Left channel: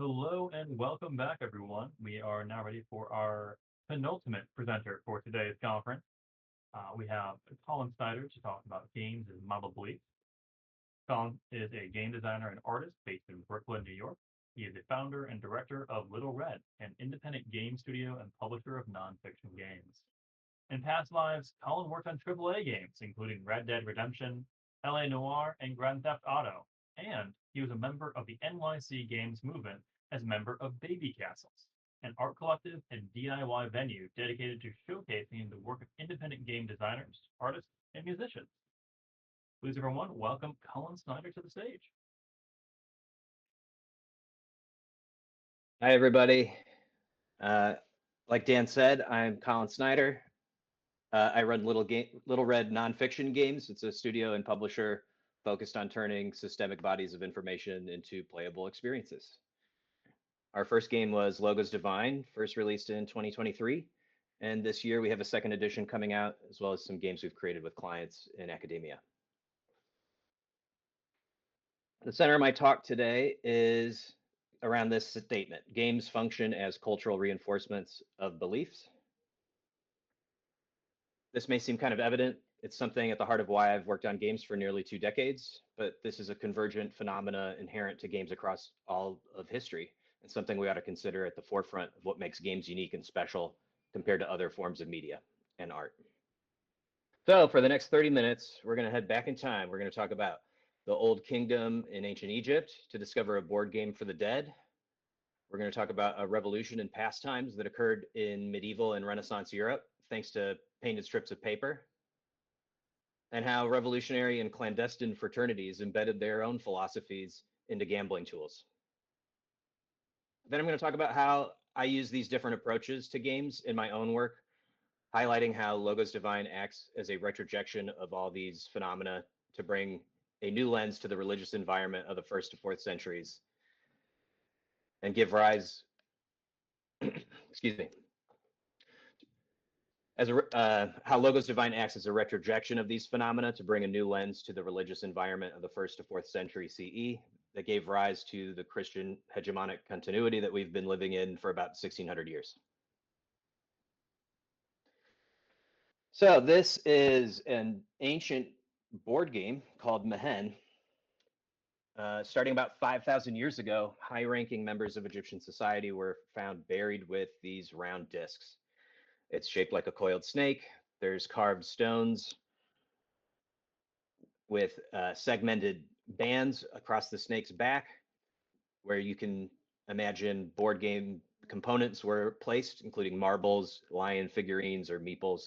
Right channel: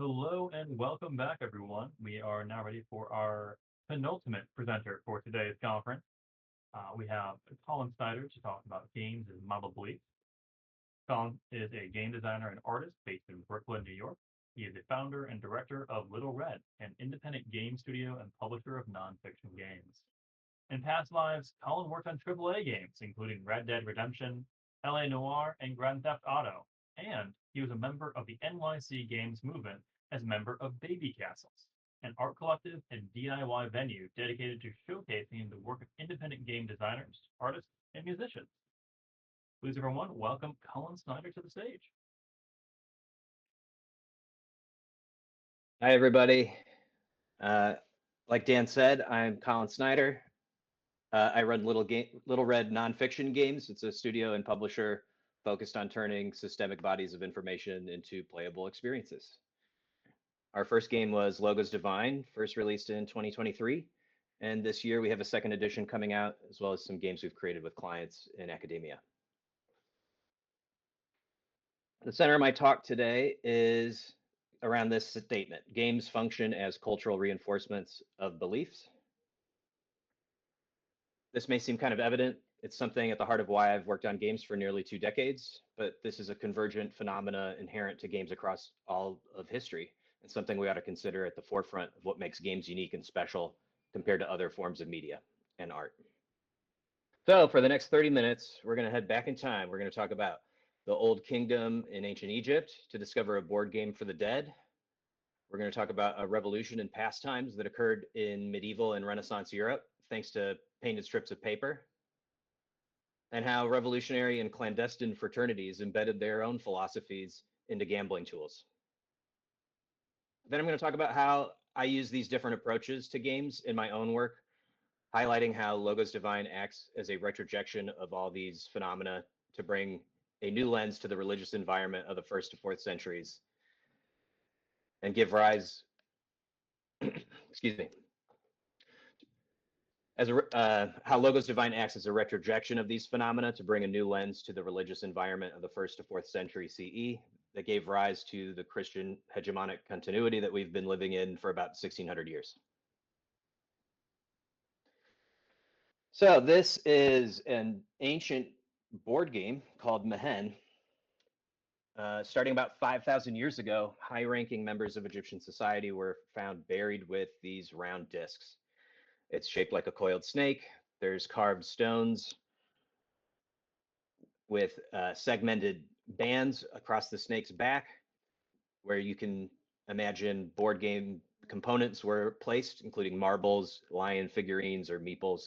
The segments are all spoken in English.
Hello and welcome back, everyone. We are now ready for our penultimate presenter for today's conference. We have Colin Snyder to talk about games and model beliefs. Colin is a game designer and artist based in Brooklyn, New York. He is the founder and director of Little Red, an independent game studio and publisher of nonfiction games. In past lives, Colin worked on AAA games, including Red Dead Redemption, LA Noire, and Grand Theft Auto, and he was a member of the NYC Games movement as member of Baby Castles, an art collective and DIY venue dedicated to showcasing the work of independent game designers, artists, and musicians. Please, everyone, welcome Colin Snyder to the stage. Hi, everybody. Like Dan said, I'm Colin Snyder. I run Little Red Nonfiction Games. It's a studio and publisher focused on turning systemic bodies of information into playable experiences. Our first game was Logos Divine, first released in 2023. And this year we have a second edition coming out, as well as some games we've created with clients in academia. The center of my talk today is around this statement: games function as cultural reinforcements of beliefs. This may seem kind of evident. It's something at the heart of why I've worked on games for nearly 2 decades, but this is a convergent phenomena inherent to games across all of history, and something we ought to consider at the forefront of what makes games unique and special compared to other forms of media and art. So for the next 30 minutes, we're going to head back in time. We're going to talk about the Old Kingdom in ancient Egypt to discover a board game for the dead. We're going to talk about a revolution in pastimes that occurred in medieval and Renaissance Europe, thanks to painted strips of paper, and how revolutionary and clandestine fraternities embedded their own philosophies into gambling tools. Then I'm going to talk about how I use these different approaches to games in my own work, highlighting how Logos Divine acts as a retrojection of all these phenomena to bring a new lens to the religious environment of the 1st to 4th centuries and give rise, excuse me, how Logos Divine acts as a retrojection of these phenomena to bring a new lens to the religious environment of the 1st to 4th century CE that gave rise to the Christian hegemonic continuity that we've been living in for about 1600 years. So this is an ancient board game called Mehen. Starting about 5,000 years ago, high-ranking members of Egyptian society were found buried with these round discs. It's shaped like a coiled snake. There's carved stones with segmented bands across the snake's back, where you can imagine board game components were placed, including marbles, lion figurines or meeples,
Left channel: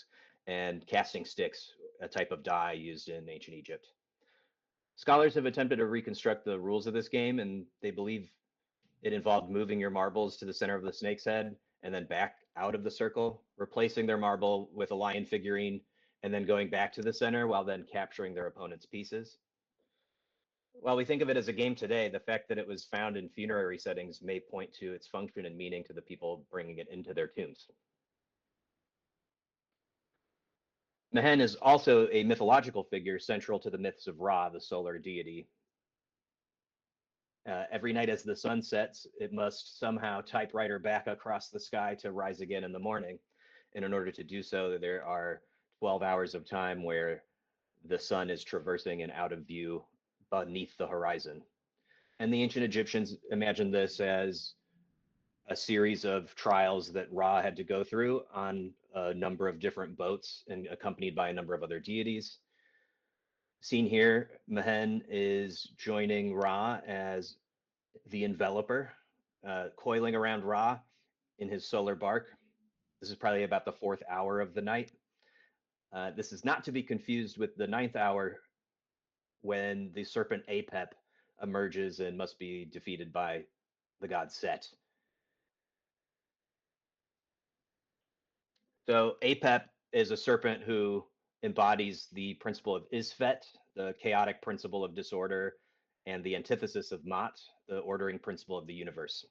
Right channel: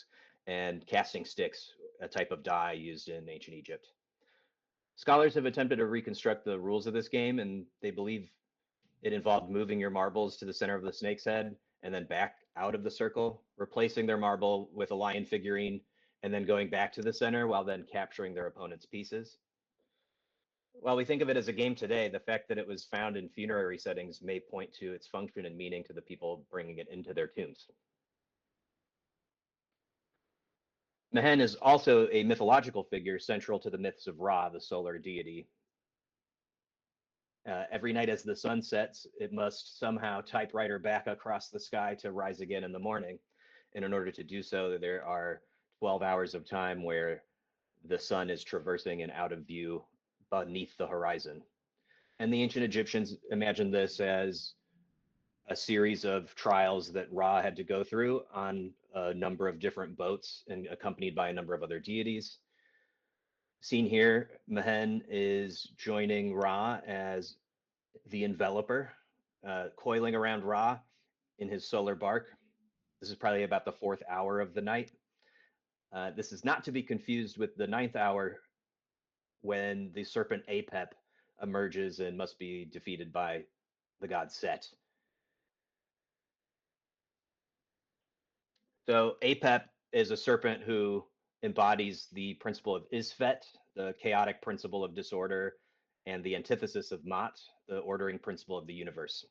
and casting sticks, a type of die used in ancient Egypt. Scholars have attempted to reconstruct the rules of this game, and they believe it involved moving your marbles to the center of the snake's head and then back out of the circle, replacing their marble with a lion figurine, and then going back to the center while then capturing their opponent's pieces. While we think of it as a game today, the fact that it was found in funerary settings may point to its function and meaning to the people bringing it into their tombs. Mehen is also a mythological figure central to the myths of Ra, the solar deity. Every night as the sun sets, it must somehow typewriter back across the sky to rise again in the morning. And in order to do so, there are 12 hours of time where the sun is traversing and out of view beneath the horizon. And the ancient Egyptians imagined this as a series of trials that Ra had to go through on a number of different boats and accompanied by a number of other deities. Seen here, Mehen is joining Ra as the enveloper, coiling around Ra in his solar bark. This is probably about the 4th hour of the night. This is not to be confused with the 9th hour when the serpent Apep emerges and must be defeated by the god Set. So Apep is a serpent who embodies the principle of Isfet, the chaotic principle of disorder, and the antithesis of Mat, the ordering principle of the universe.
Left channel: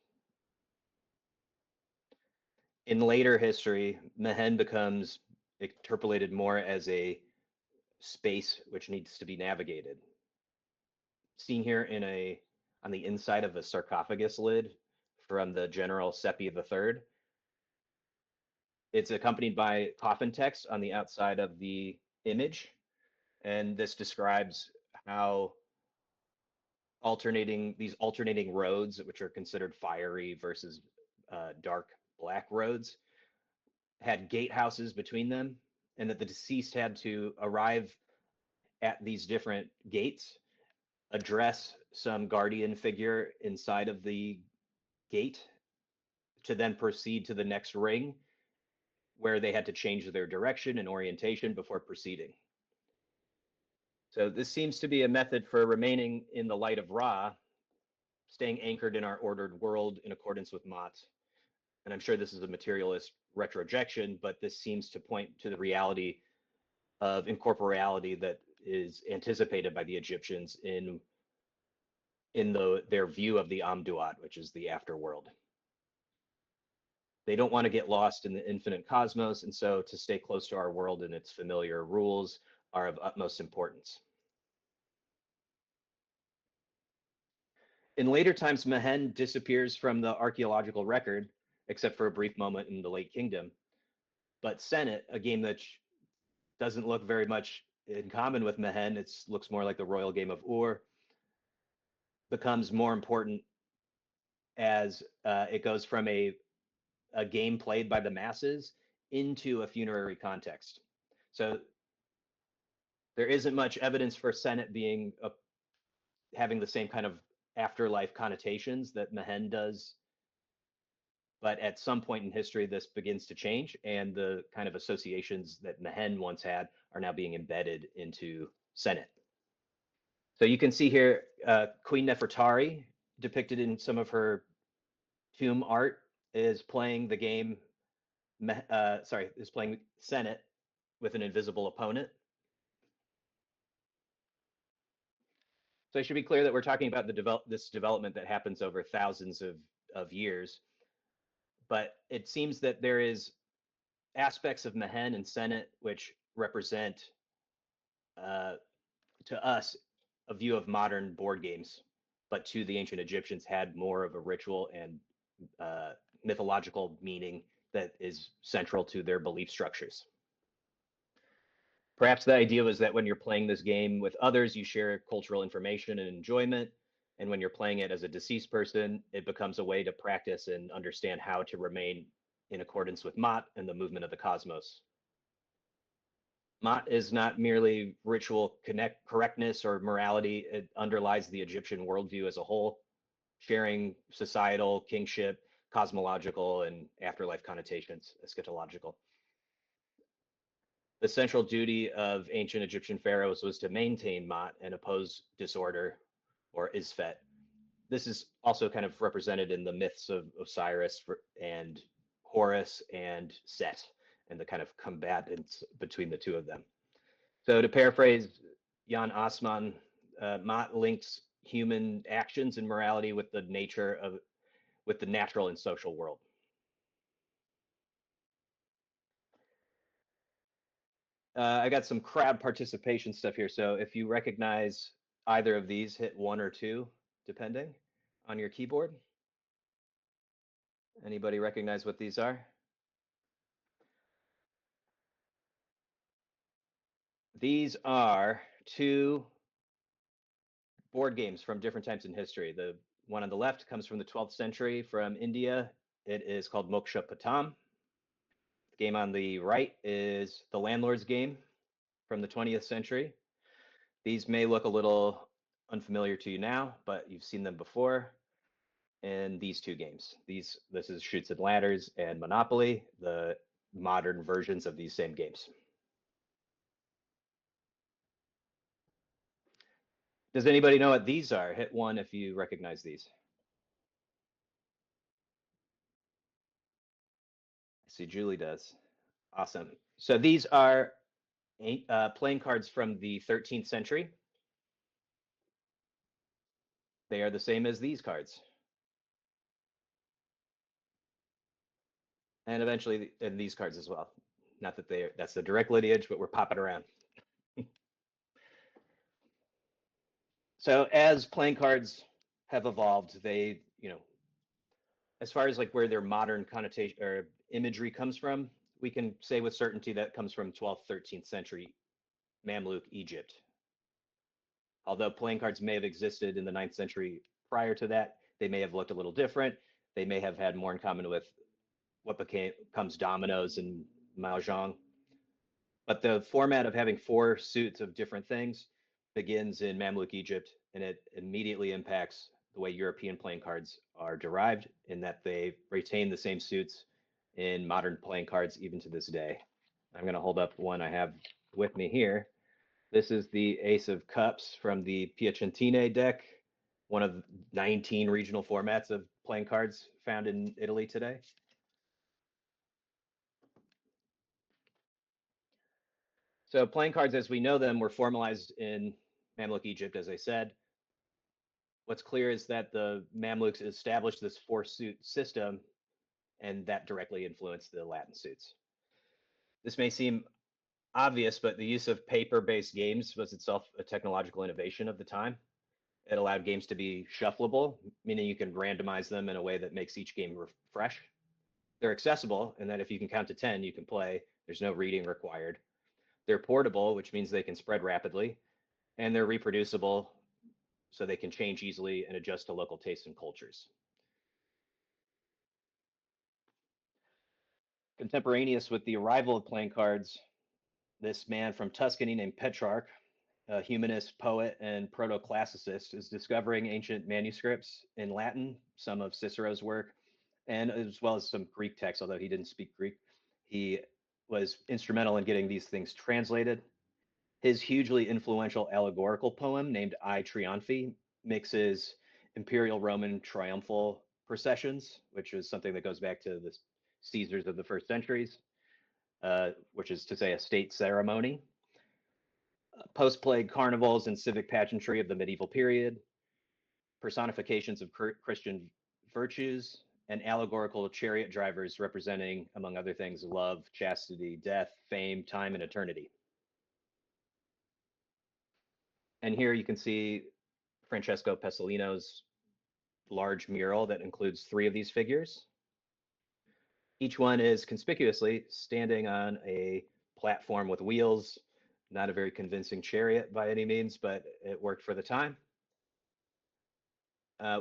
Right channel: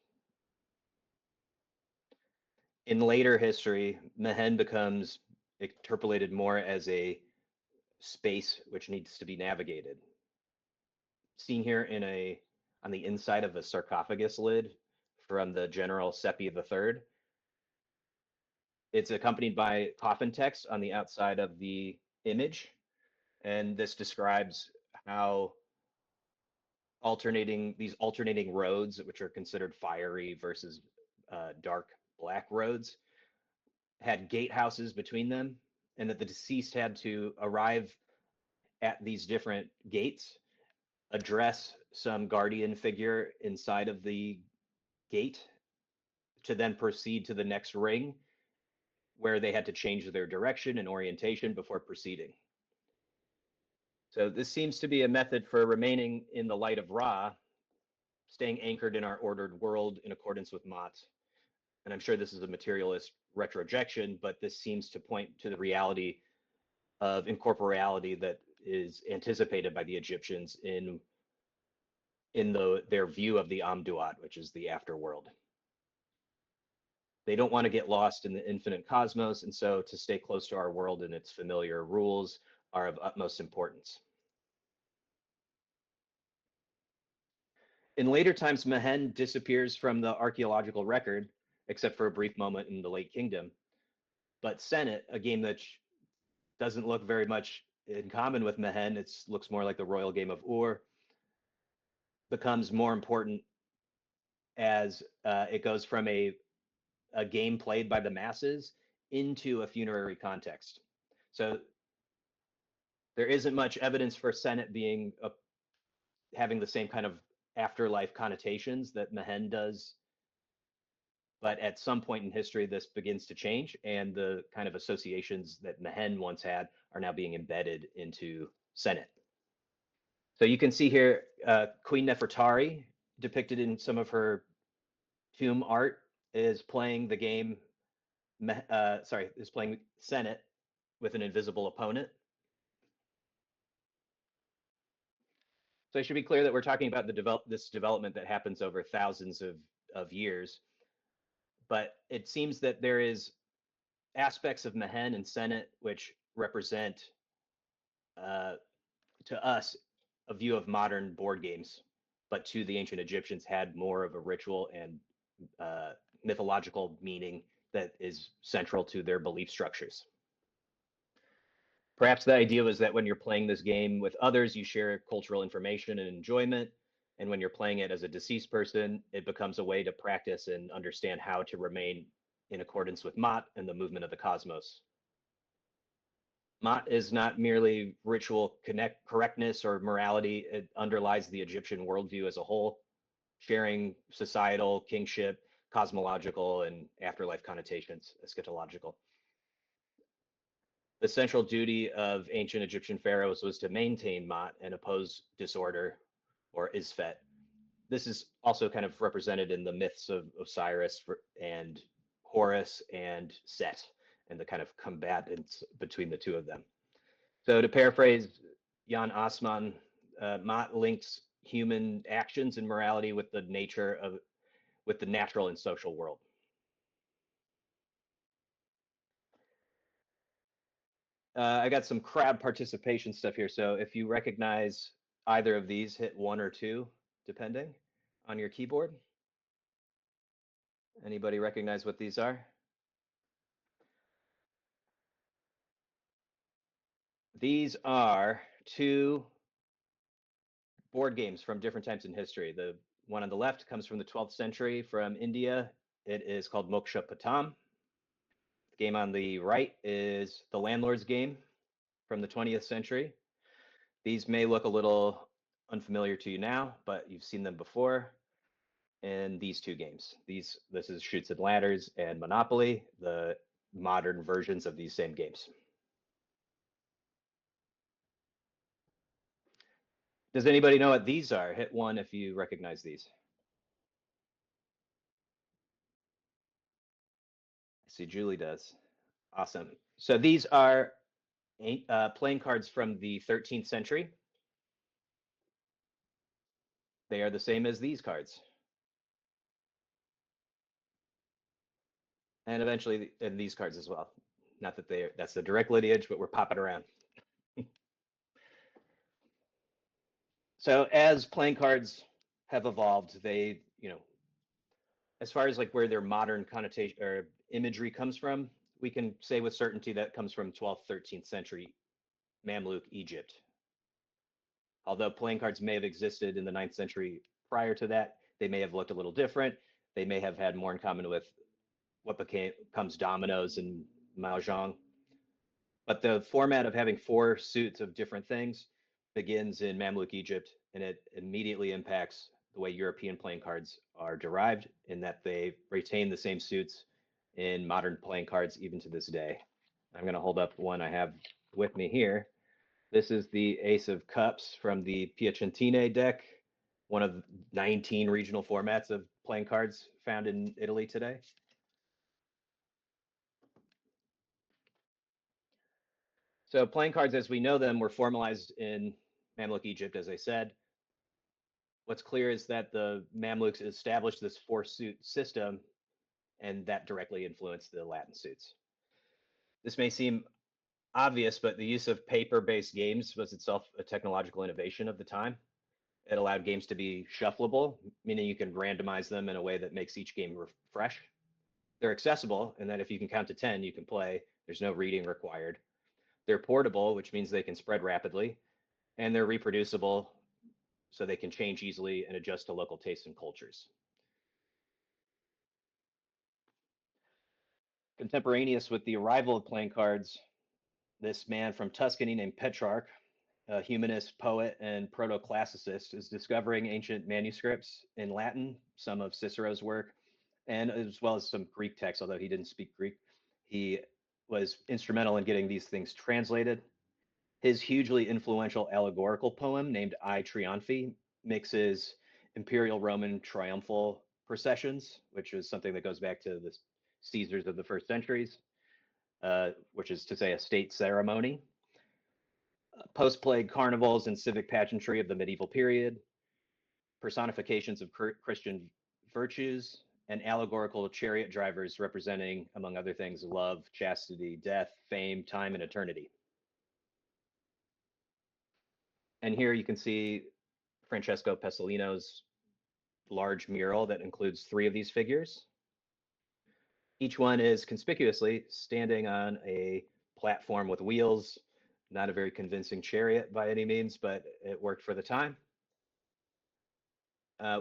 In later history, Mehen becomes interpolated more as a space which needs to be navigated. Seen here on the inside of a sarcophagus lid from the General Seppi III. It's accompanied by coffin text on the outside of the image, and this describes how these alternating roads, which are considered fiery versus dark black roads, had gatehouses between them, and that the deceased had to arrive at these different gates, address some guardian figure inside of the gate, to then proceed to the next ring, where they had to change their direction and orientation before proceeding. So this seems to be a method for remaining in the light of Ra, staying anchored in our ordered world in accordance with Ma'at. And I'm sure this is a materialist retrojection, but this seems to point to the reality of incorporeality that is anticipated by the Egyptians in their view of the Amduat, which is the afterworld. They don't want to get lost in the infinite cosmos, and so to stay close to our world and its familiar rules are of utmost importance. In later times, Mehen disappears from the archaeological record, except for a brief moment in the Late Kingdom. But Senet, a game that doesn't look very much in common with Mehen, it looks more like the royal game of Ur, becomes more important as it goes from a game played by the masses into a funerary context. So there isn't much evidence for Senet being having the same kind of afterlife connotations that Mehen does. But at some point in history, this begins to change, and the kind of associations that Mehen once had are now being embedded into Senet. So you can see here Queen Nefertari, depicted in some of her tomb art, is playing the game, is playing Senet with an invisible opponent. So it should be clear that we're talking about this development that happens over thousands of years. But it seems that there is aspects of Mehen and Senet which represent, to us, a view of modern board games, but to the ancient Egyptians had more of a ritual and mythological meaning that is central to their belief structures. Perhaps the idea was that when you're playing this game with others, you share cultural information and enjoyment. And when you're playing it as a deceased person, it becomes a way to practice and understand how to remain in accordance with Ma'at and the movement of the cosmos. Ma'at is not merely ritual correctness or morality. It underlies the Egyptian worldview as a whole, sharing societal, kingship, cosmological, and afterlife connotations, eschatological. The central duty of ancient Egyptian pharaohs was to maintain Ma'at and oppose disorder, or Isfet. This is also kind of represented in the myths of Osiris and Horus and Set, and the kind of combatants between the two of them. So to paraphrase Jan Assmann, Ma'at links human actions and morality with the natural and social world. I got some crowd participation stuff here. So if you recognize either of these, hit 1 or 2, depending on your keyboard. Anybody recognize what these are? These are 2 board games from different times in history. The one on the left comes from the 12th century from India. It is called Moksha Patam. The game on the right is the Landlord's Game from the 20th century. These may look a little unfamiliar to you now, but you've seen them before. And these 2 games. This is Chutes and Ladders and Monopoly, the modern versions of these same games. Does anybody know what these are? Hit 1 if you recognize these. I see Julie does. Awesome. So these are playing cards from the 13th century. They are the same as these cards. And eventually in these cards as well. Not that that's the direct lineage, but we're popping around. So as playing cards have evolved, they, as far as like where their modern connotation or imagery comes from, we can say with certainty that comes from 12th, 13th century Mamluk Egypt. Although playing cards may have existed in the 9th century prior to that, they may have looked a little different. They may have had more in common with what becomes dominoes and mahjong. But the format of having 4 suits of different things begins in Mamluk Egypt, and it immediately impacts the way European playing cards are derived, in that they retain the same suits in modern playing cards even to this day. I'm going to hold up one I have with me here. This is the Ace of Cups from the Piacentine deck, one of 19 regional formats of playing cards found in Italy today. So playing cards as we know them were formalized in Mamluk Egypt, as I said. What's clear is that the Mamluks established this 4-suit system, and that directly influenced the Latin suits. This may seem obvious, but the use of paper-based games was itself a technological innovation of the time. It allowed games to be shuffleable, meaning you can randomize them in a way that makes each game fresh. They're accessible, and that if you can count to 10, you can play. There's no reading required. They're portable, which means they can spread rapidly, and they're reproducible, so they can change easily and adjust to local tastes and cultures. Contemporaneous with the arrival of playing cards, this man from Tuscany named Petrarch, a humanist, poet, and proto-classicist, is discovering ancient manuscripts in Latin, some of Cicero's work, and as well as some Greek texts, although he didn't speak Greek. He was instrumental in getting these things translated. His hugely influential allegorical poem named I Triumphi mixes imperial Roman triumphal processions, which is something that goes back to the Caesars of the first centuries, which is to say a state ceremony, post-plague carnivals and civic pageantry of the medieval period, personifications of Christian virtues, and allegorical chariot drivers representing, among other things, love, chastity, death, fame, time, and eternity. And here you can see Francesco Pessolino's large mural that includes 3 of these figures. Each one is conspicuously standing on a platform with wheels, not a very convincing chariot by any means, but it worked for the time.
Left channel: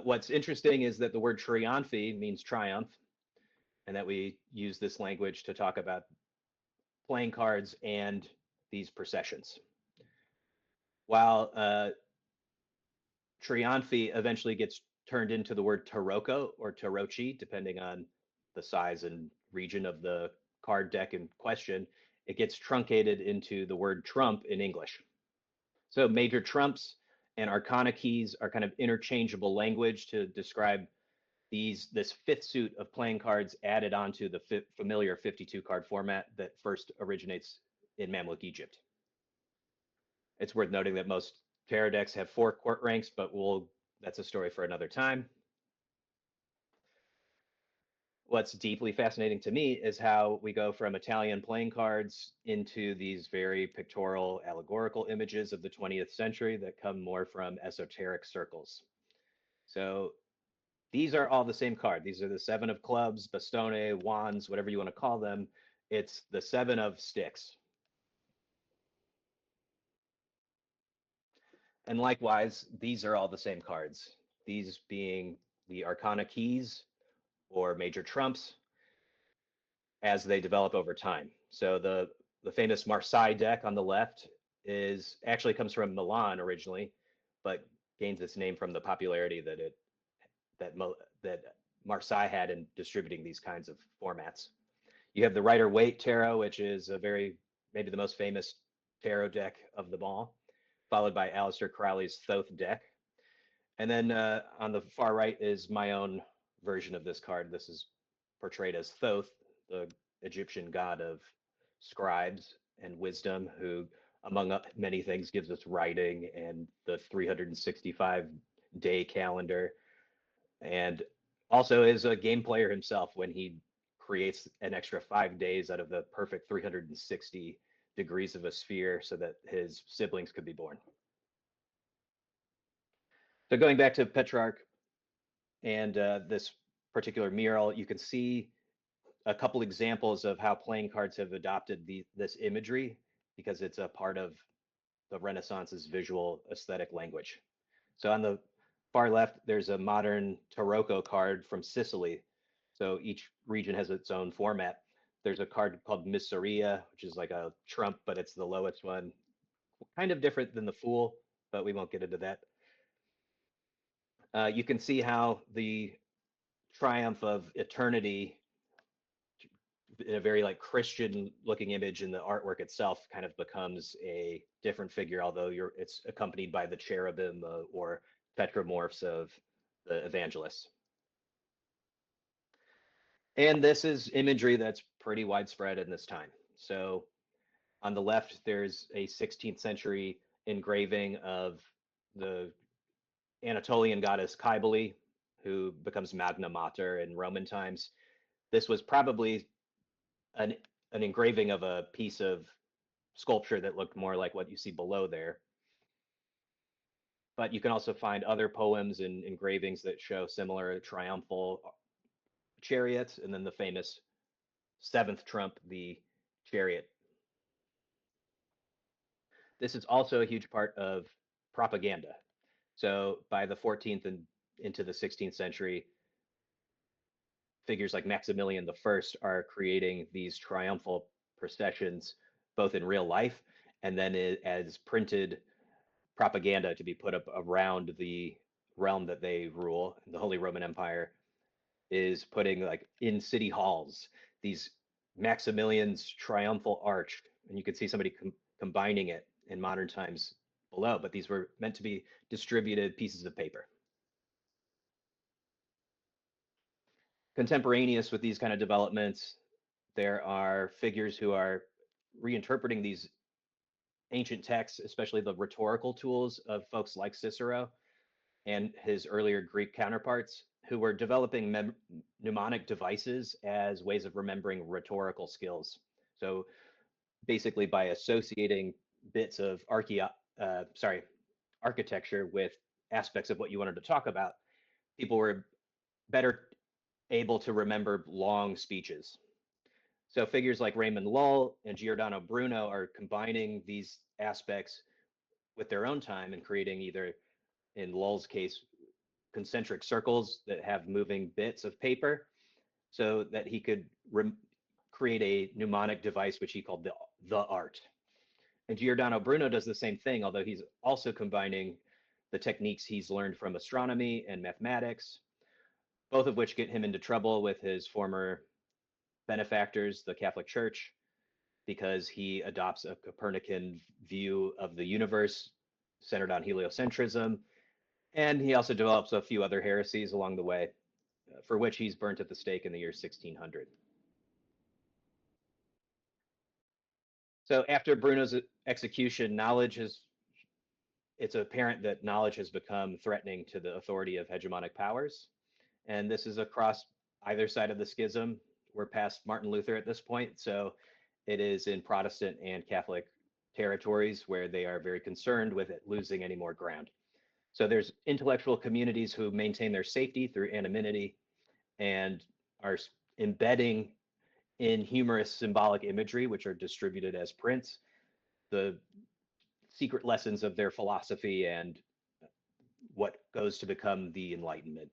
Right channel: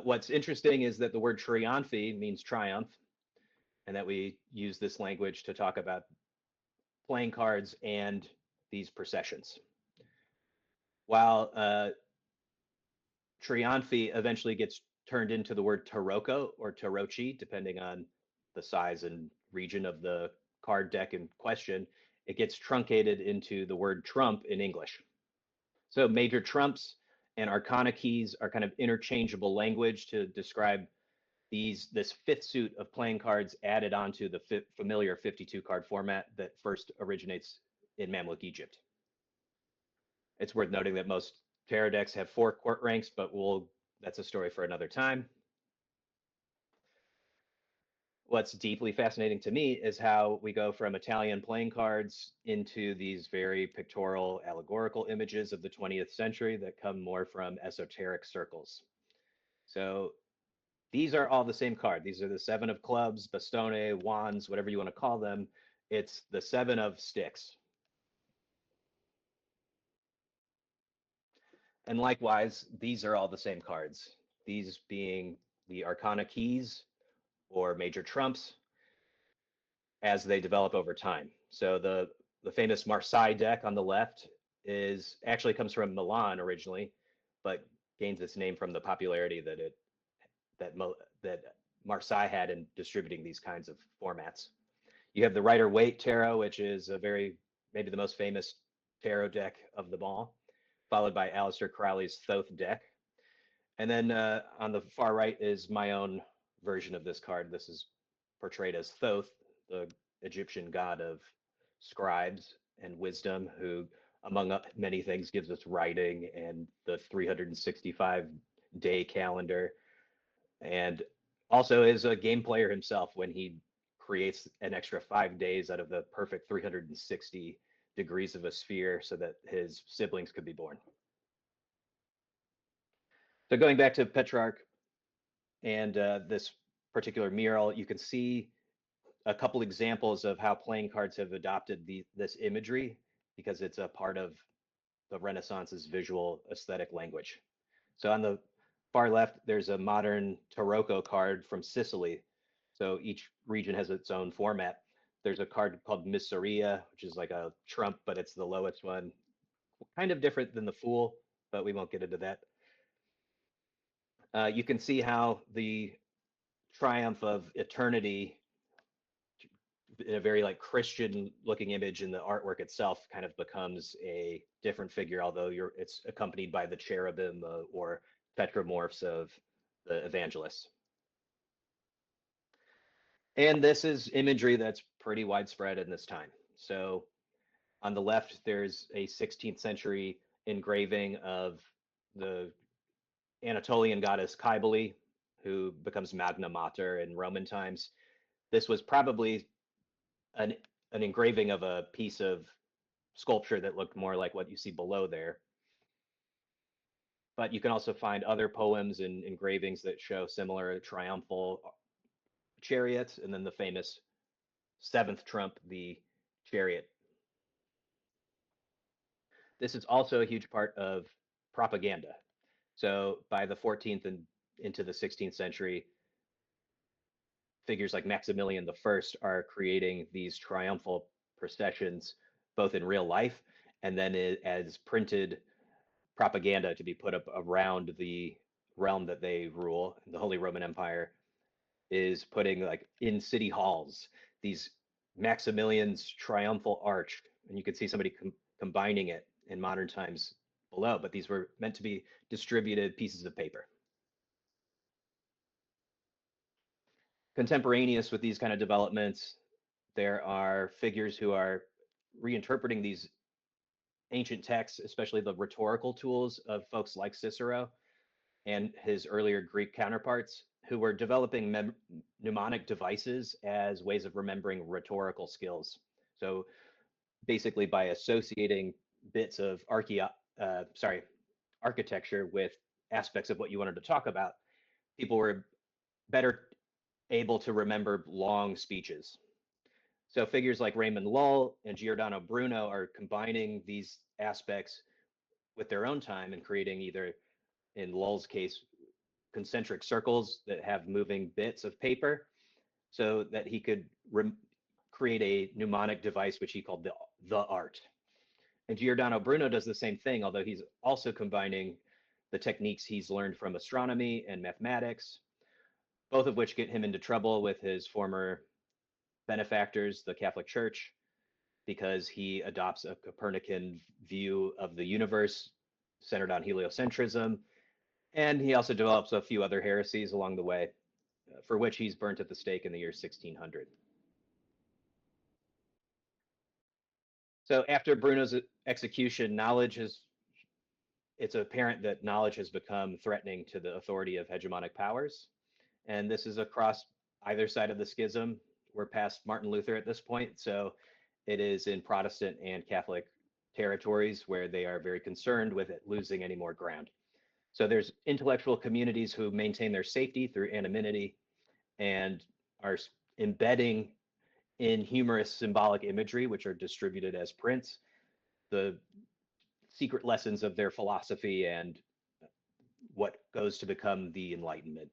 What's interesting is that the word triumphi means triumph, and that we use this language to talk about playing cards and these processions. While triumphi eventually gets turned into the word tarocco or tarocchi, depending on the size and region of the card deck in question, it gets truncated into the word trump in English. So major trumps and arcana keys are kind of interchangeable language to describe this 5th suit of playing cards added onto the familiar 52 card format that first originates in Mamluk Egypt. It's worth noting that most tarot decks have 4 court ranks, but that's a story for another time. What's deeply fascinating to me is how we go from Italian playing cards into these very pictorial, allegorical images of the 20th century that come more from esoteric circles. So these are all the same card. These are the 7 of clubs, bastone, wands, whatever you want to call them. It's the 7 of sticks. And likewise, these are all the same cards. These being the arcana keys or major trumps as they develop over time. So the famous Marseille deck on the left actually comes from Milan originally, but gains its name from the popularity that Marseille had in distributing these kinds of formats. You have the Rider-Waite Tarot, which is maybe the most famous tarot deck of them all, followed by Aleister Crowley's Thoth deck. And then on the far right is my own version of this card. This is portrayed as Thoth, the Egyptian god of scribes and wisdom, who, among many things, gives us writing and the 365-day calendar, and also is a game player himself when he creates an extra 5 days out of the perfect 360 degrees of a sphere so that his siblings could be born. So going back to Petrarch and this particular mural, you can see a couple examples of how playing cards have adopted this imagery because it's a part of the Renaissance's visual aesthetic language. So on the far left, there's a modern Tarocco card from Sicily. So each region has its own format. There's a card called Miseria, which is like a trump, but it's the lowest one. Kind of different than the Fool, but we won't get into that. You can see how the triumph of eternity in a very like Christian looking image in the artwork itself kind of becomes a different figure, although it's accompanied by the cherubim or tetramorphs of the evangelists. And this is imagery that's pretty widespread in this time. So on the left, there's a 16th century engraving of the Anatolian goddess Cybele, who becomes Magna Mater in Roman times. This was probably an engraving of a piece of sculpture that looked more like what you see below there. But you can also find other poems and engravings that show similar triumphal chariots, and then the famous seventh trump, the chariot. This is also a huge part of propaganda. So by the 14th and into the 16th century, figures like Maximilian I are creating these triumphal processions, both in real life and then as printed propaganda to be put up around the realm that they rule. The Holy Roman Empire is putting like in city halls these Maximilian's triumphal arch, and you can see somebody combining it in modern times below, but these were meant to be distributed pieces of paper. Contemporaneous with these kind of developments, there are figures who are reinterpreting these ancient texts, especially the rhetorical tools of folks like Cicero and his earlier Greek counterparts, who were developing mnemonic devices as ways of remembering rhetorical skills. So basically by associating bits of architecture with aspects of what you wanted to talk about, people were better able to remember long speeches. So figures like Raymond Lull and Giordano Bruno are combining these aspects with their own time and creating, either in Lull's case, concentric circles that have moving bits of paper, so that he could create a mnemonic device which he called the art. And Giordano Bruno does the same thing, although he's also combining the techniques he's learned from astronomy and mathematics, both of which get him into trouble with his former benefactors, the Catholic Church, because he adopts a Copernican view of the universe centered on heliocentrism. And he also develops a few other heresies along the way, for which he's burnt at the stake in the year 1600. So after Bruno's execution, it's apparent that knowledge has become threatening to the authority of hegemonic powers. And this is across either side of the schism. We're past Martin Luther at this point, so it is in Protestant and Catholic territories where they are very concerned with it losing any more ground. So there's intellectual communities who maintain their safety through anonymity and are embedding in humorous symbolic imagery, which are distributed as prints, the secret lessons of their philosophy and what goes to become the Enlightenment,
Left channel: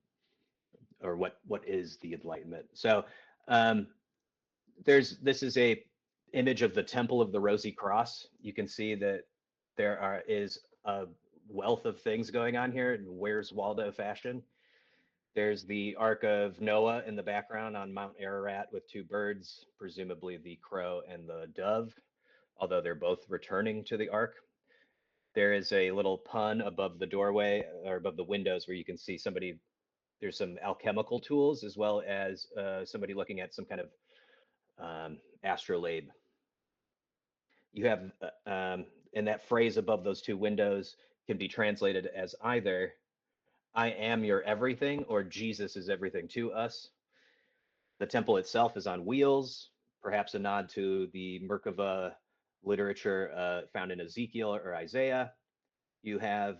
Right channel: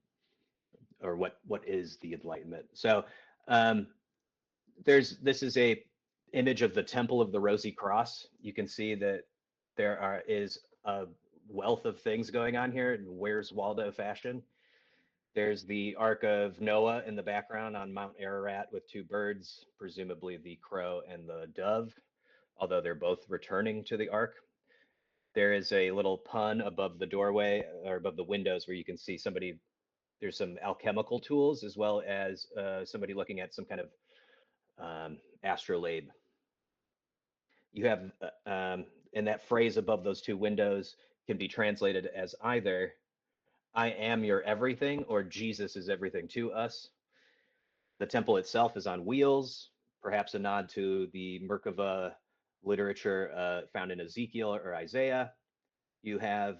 or what is the Enlightenment. So this is a image of the Temple of the Rosy Cross. You can see that there is a wealth of things going on here in Where's Waldo fashion. There's the Ark of Noah in the background on Mount Ararat with two birds, presumably the crow and the dove, although they're both returning to the Ark. There is a little pun above the doorway, or above the windows, where you can see there's some alchemical tools, as well as somebody looking at some kind of astrolabe. You have, and that phrase above those two windows can be translated as either "I am your everything" or "Jesus is everything to us." The temple itself is on wheels, perhaps a nod to the Merkava literature found in Ezekiel or Isaiah. You have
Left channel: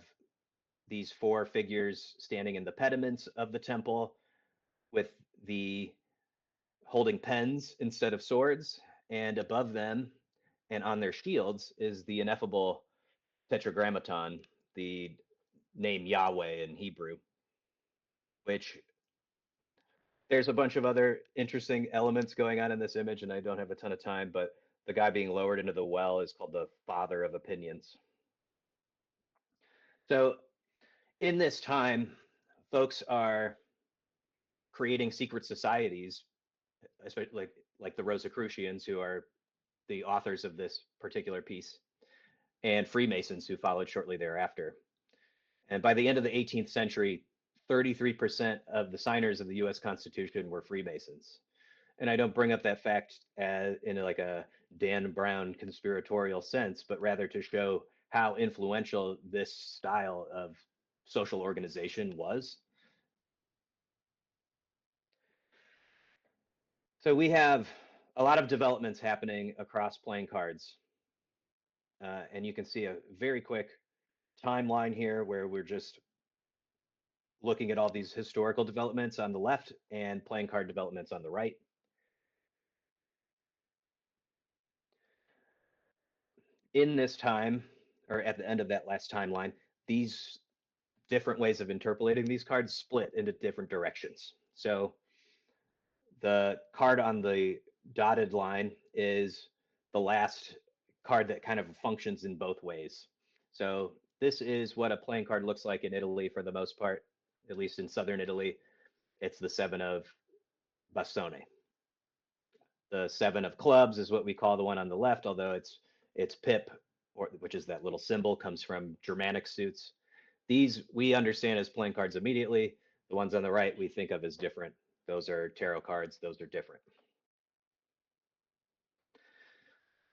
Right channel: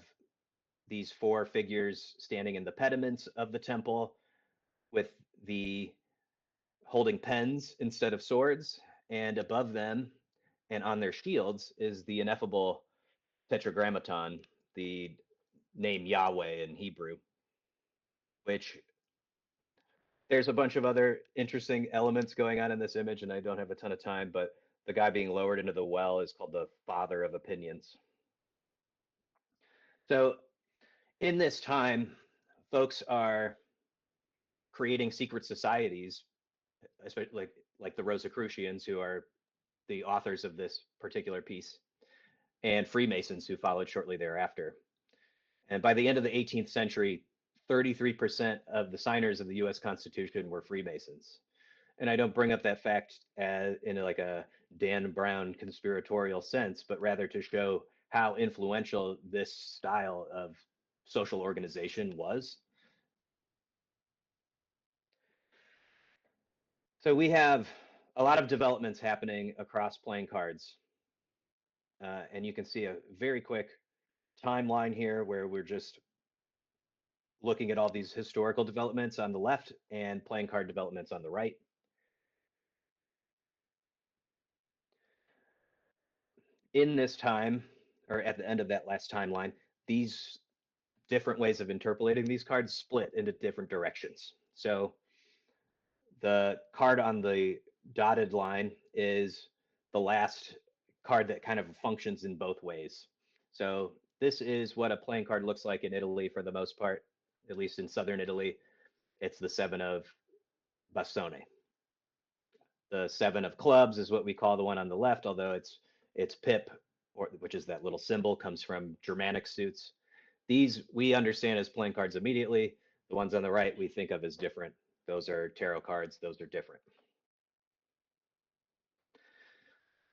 these four figures standing in the pediments of the temple with the holding pens instead of swords, and above them and on their shields is the ineffable tetragrammaton, the name Yahweh in Hebrew, which there's a bunch of other interesting elements going on in this image, and I don't have a ton of time, but the guy being lowered into the well is called the father of opinions. So in this time, folks are creating secret societies, especially like the Rosicrucians, who are the authors of this particular piece, and Freemasons, who followed shortly thereafter. And by the end of the 18th century, 33% of the signers of the U.S. Constitution were Freemasons. And I don't bring up that fact as in like a Dan Brown conspiratorial sense, but rather to show how influential this style of social organization was. So we have a lot of developments happening across playing cards. And you can see a very quick timeline here where we're just looking at all these historical developments on the left and playing card developments on the right. In this time, or at the end of that last timeline, these different ways of interpolating these cards split into different directions. So the card on the dotted line is the last card that kind of functions in both ways. So this is what a playing card looks like in Italy for the most part, at least in southern Italy. It's the seven of bastone. The seven of clubs is what we call the one on the left, although it's pip, or which is that little symbol, comes from Germanic suits. These we understand as playing cards immediately. The ones on the right we think of as different. Those are tarot cards. Those are different.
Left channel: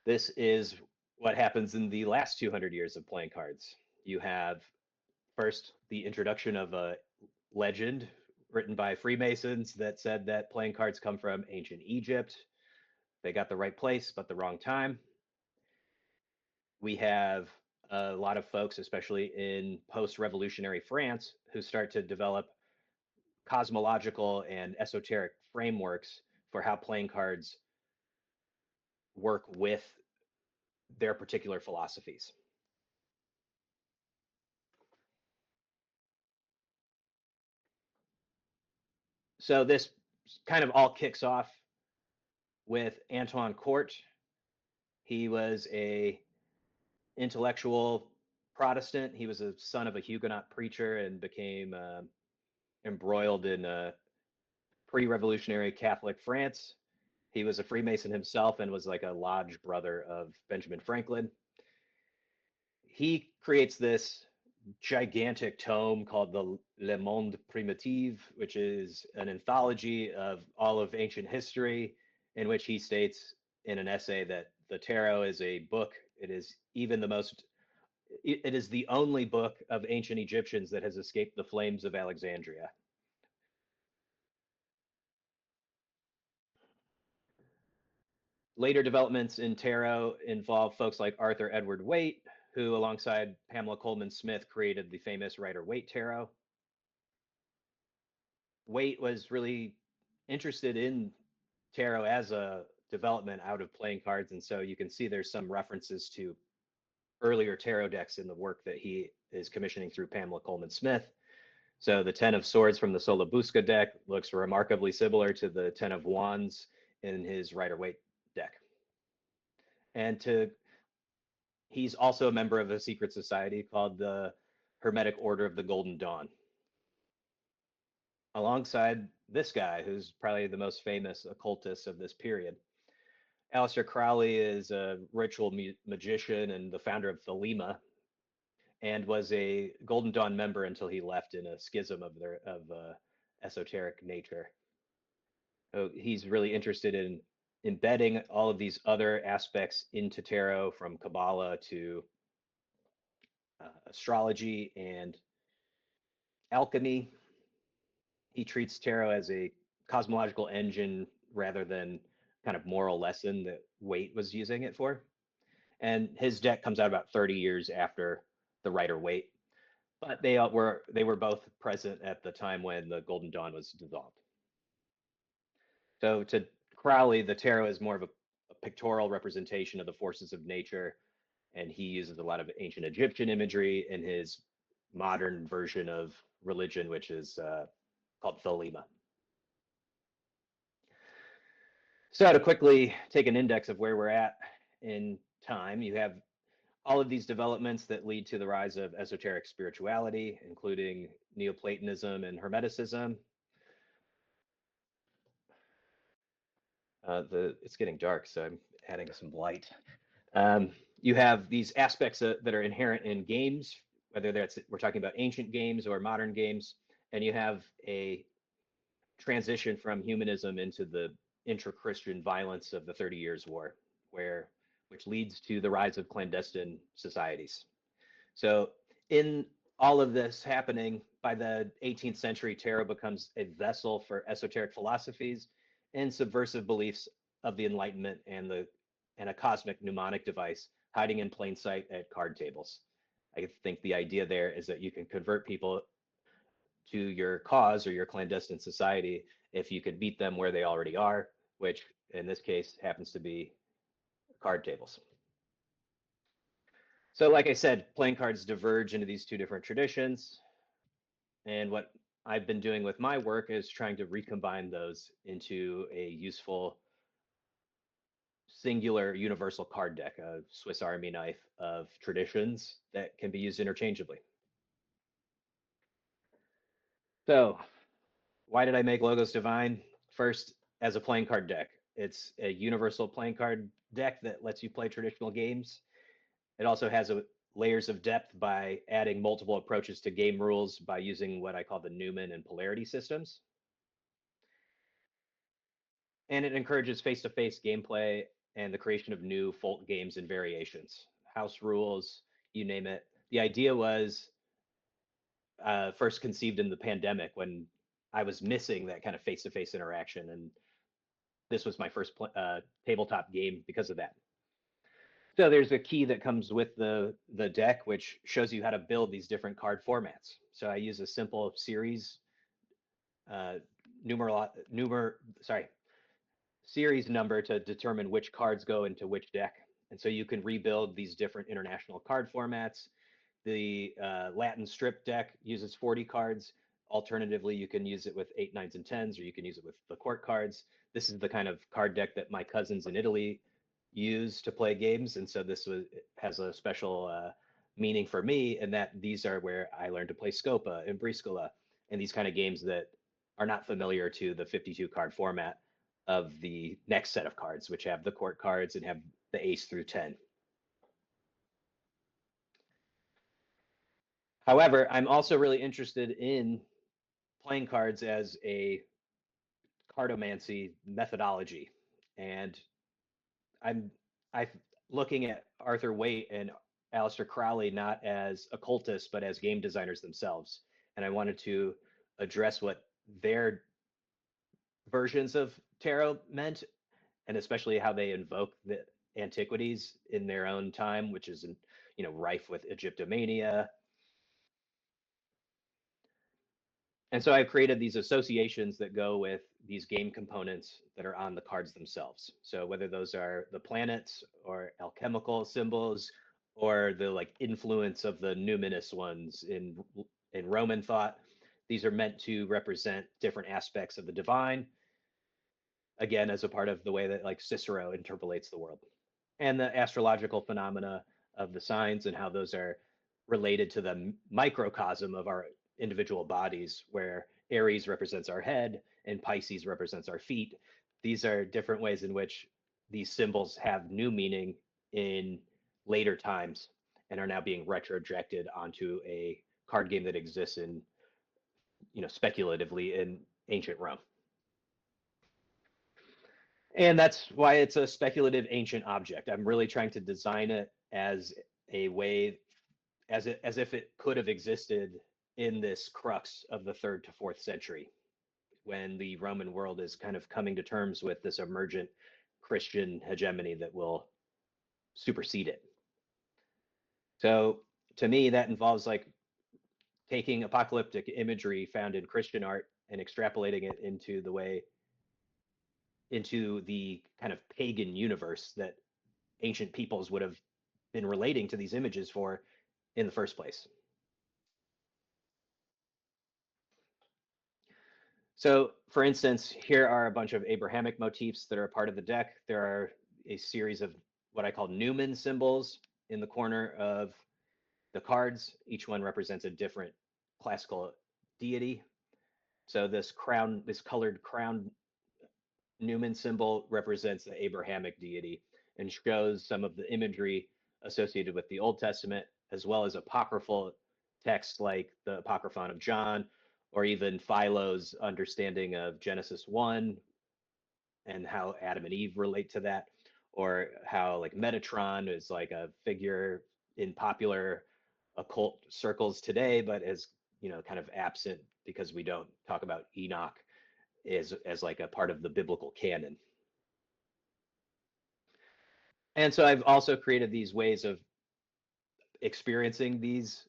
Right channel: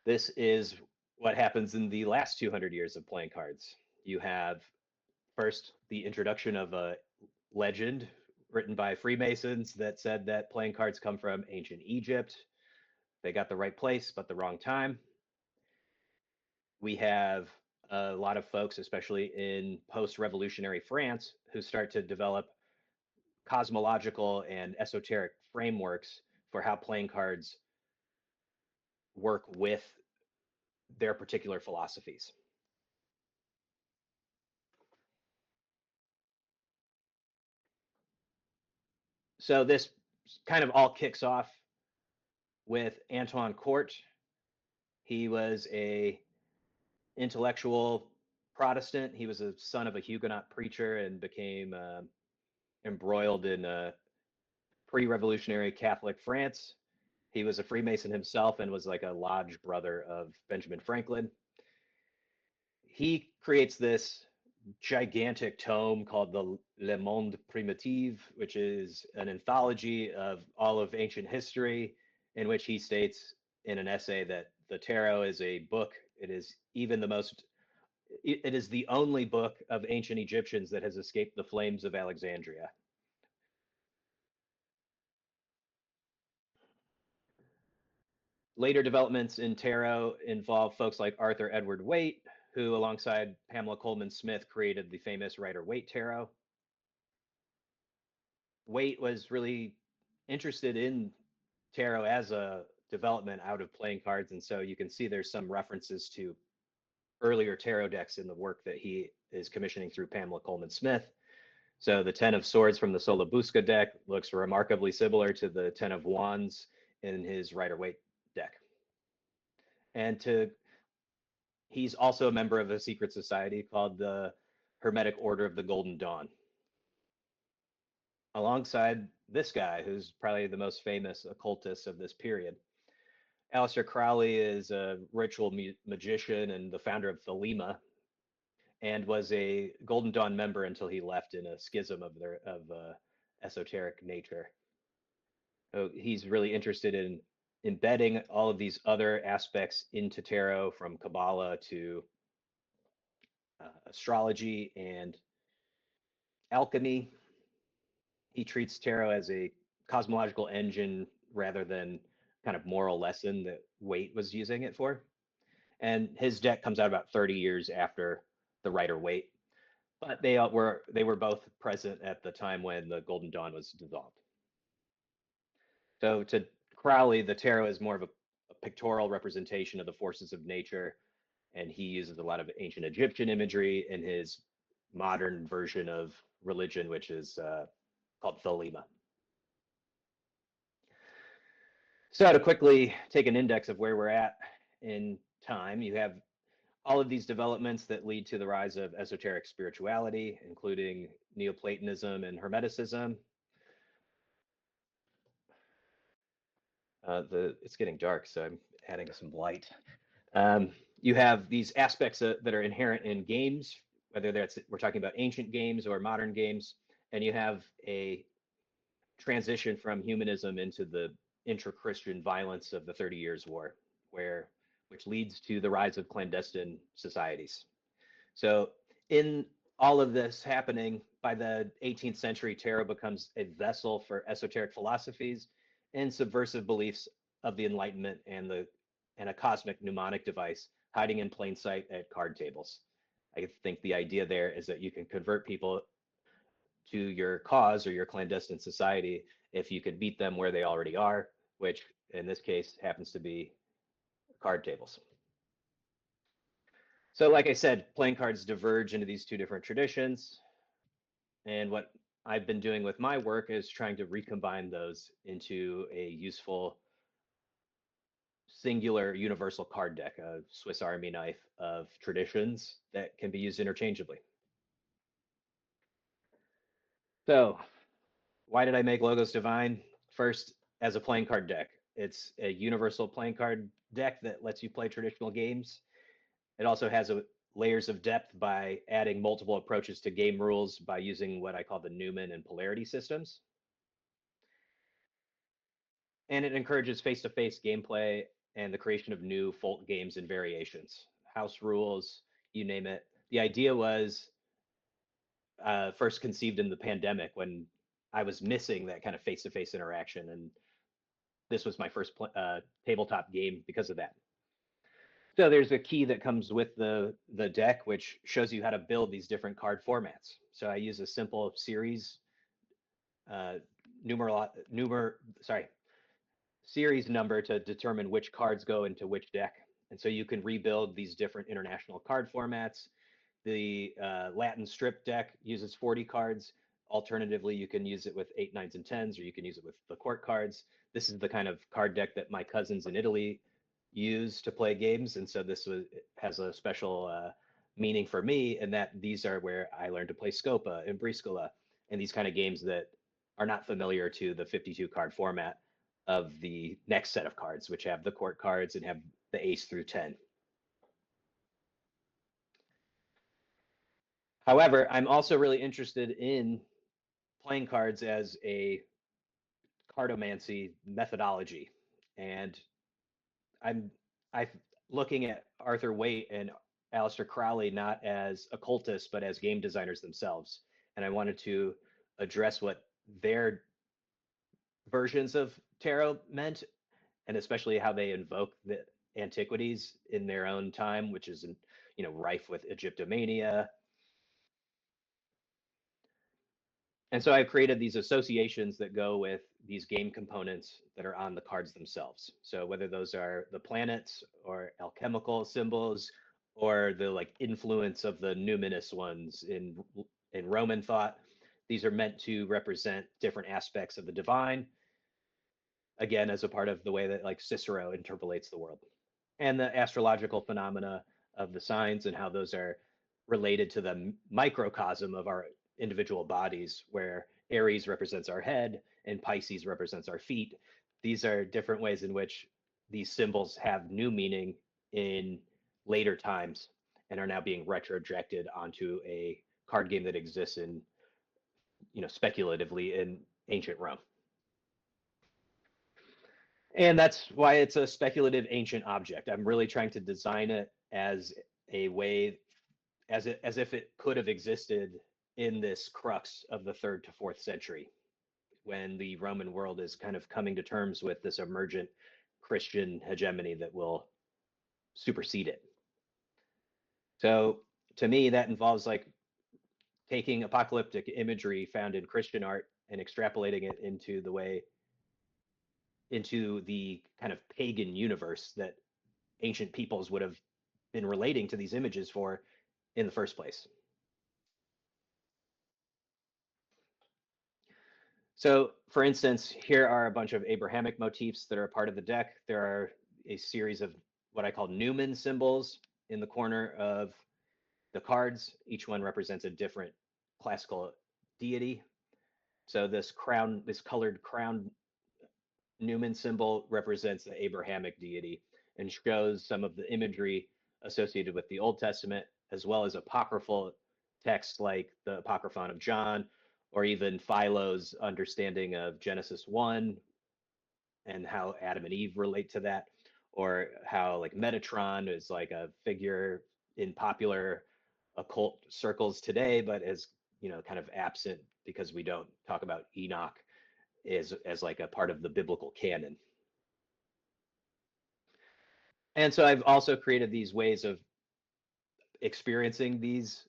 This is what happens in the last 200 years of playing cards. You have first the introduction of a legend written by Freemasons that said that playing cards come from ancient Egypt. They got the right place, but the wrong time. We have a lot of folks, especially in post-revolutionary France, who start to develop cosmological and esoteric frameworks for how playing cards work with their particular philosophies. So this kind of all kicks off with Antoine Court. He was a intellectual Protestant. He was a son of a Huguenot preacher and became embroiled in pre-revolutionary Catholic France. He was a Freemason himself and was like a lodge brother of Benjamin Franklin. He creates this gigantic tome called the Le Monde Primitif, which is an anthology of all of ancient history, in which he states in an essay that the tarot is a book. It is the only book of ancient Egyptians that has escaped the flames of Alexandria. Later developments in tarot involve folks like Arthur Edward Waite, who, alongside Pamela Coleman Smith, created the famous Rider-Waite tarot. Waite was really interested in tarot as a development out of playing cards, and so you can see there's some references to earlier tarot decks in the work that he is commissioning through Pamela Coleman Smith. So the Ten of Swords from the Solabusca deck looks remarkably similar to the Ten of Wands in his Rider-Waite deck. And he's also a member of a secret society called the Hermetic Order of the Golden Dawn. Alongside this guy, who's probably the most famous occultist of this period. Aleister Crowley is a ritual magician and the founder of Thelema, and was a Golden Dawn member until he left in a schism of esoteric nature. So he's really interested in embedding all of these other aspects into tarot, from Kabbalah to astrology and alchemy. He treats tarot as a cosmological engine rather than kind of moral lesson that Waite was using it for. And his deck comes out about 30 years after the Rider-Waite, but they were both present at the time when the Golden Dawn was dissolved. So to Crowley, the tarot is more of a pictorial representation of the forces of nature, and he uses a lot of ancient Egyptian imagery in his modern version of religion, which is called Thelema. So to quickly take an index of where we're at in time, you have all of these developments that lead to the rise of esoteric spirituality, including Neoplatonism and Hermeticism. It's getting dark, so I'm adding some light. You have these aspects that are inherent in games, whether we're talking about ancient games or modern games, and you have a transition from humanism into the intra-Christian violence of the 30 Years' War, which leads to the rise of clandestine societies. So in all of this happening, by the 18th century, tarot becomes a vessel for esoteric philosophies and subversive beliefs of the Enlightenment and a cosmic mnemonic device hiding in plain sight at card tables. I think the idea there is that you can convert people to your cause or your clandestine society if you can beat them where they already are, which in this case happens to be card tables. So like I said, playing cards diverge into these two different traditions. And what I've been doing with my work is trying to recombine those into a useful singular universal card deck, a Swiss Army knife of traditions that can be used interchangeably. So why did I make Logos Divine? First, as a playing card deck. It's a universal playing card deck that lets you play traditional games. It also has layers of depth by adding multiple approaches to game rules by using what I call the Newman and polarity systems. And it encourages face-to-face gameplay and the creation of new folk games and variations, house rules, you name it. The idea was first conceived in the pandemic when I was missing that kind of face-to-face interaction, and this was my first tabletop game because of that. So there's a key that comes with the deck, which shows you how to build these different card formats. So I use a simple series series number to determine which cards go into which deck. And so you can rebuild these different international card formats. The Latin strip deck uses 40 cards. Alternatively, you can use it with 8, 9s, and 10s, or you can use it with the court cards. This is the kind of card deck that my cousins in Italy use to play games, and so has a special meaning for me in that these are where I learned to play Scopa and Briscola and these kind of games that are not familiar to the 52 card format of the next set of cards, which have the court cards and have the ace through 10. However, I'm also really interested in playing cards as a cartomancy methodology, and I'm looking at Arthur Waite and Aleister Crowley not as occultists but as game designers themselves, and I wanted to address what their versions of tarot meant, and especially how they invoke the antiquities in their own time, which is rife with Egyptomania. And so I've created these associations that go with these game components that are on the cards themselves. So whether those are the planets or alchemical symbols or the influence of the numinous ones in Roman thought, these are meant to represent different aspects of the divine, again, as a part of the way that Cicero interpolates the world. And the astrological phenomena of the signs and how those are related to the microcosm of our individual bodies, where Aries represents our head and Pisces represents our feet. These are different ways in which these symbols have new meaning in later times and are now being retrojected onto a card game that exists in, speculatively in ancient Rome. And that's why it's a speculative ancient object. I'm really trying to design it as a way, as if it could have existed in this crux of the 3rd to 4th century, when the Roman world is kind of coming to terms with this emergent Christian hegemony that will supersede it. So to me, that involves taking apocalyptic imagery found in Christian art and extrapolating it into the way into the kind of pagan universe that ancient peoples would have been relating to these images for in the first place. So, for instance, here are a bunch of Abrahamic motifs that are a part of the deck. There are a series of what I call Newman symbols in the corner of the cards. Each one represents a different classical deity. So this crown, this colored crown Newman symbol represents the Abrahamic deity and shows some of the imagery associated with the Old Testament, as well as apocryphal texts like the Apocryphon of John, or even Philo's understanding of Genesis 1 and how Adam and Eve relate to that, or how like Metatron is like a figure in popular occult circles today, but is kind of absent because we don't talk about Enoch as like a part of the biblical canon. And so I've also created these ways of experiencing these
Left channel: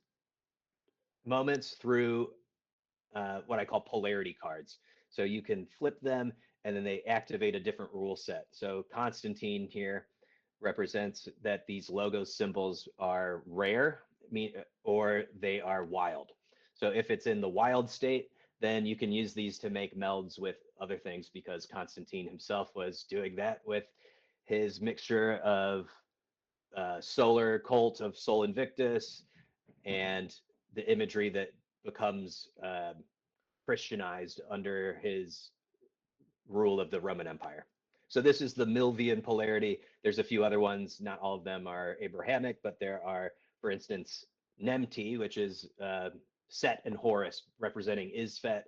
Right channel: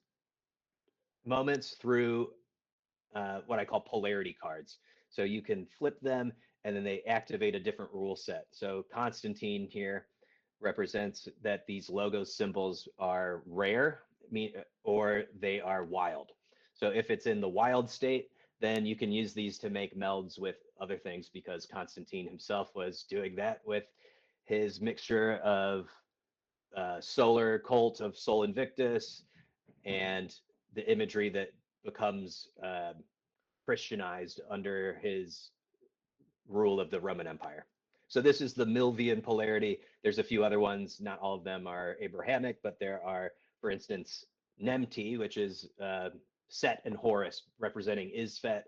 moments through what I call polarity cards. So you can flip them and then they activate a different rule set. So Constantine here represents that these logos symbols are rare or they are wild. So if it's in the wild state, then you can use these to make melds with other things because Constantine himself was doing that with his mixture of solar cult of Sol Invictus and the imagery that becomes Christianized under his rule of the Roman Empire. So this is the Milvian polarity. There's a few other ones. Not all of them are Abrahamic, but there are, for instance, Nemti, which is Set and Horus representing Isfet,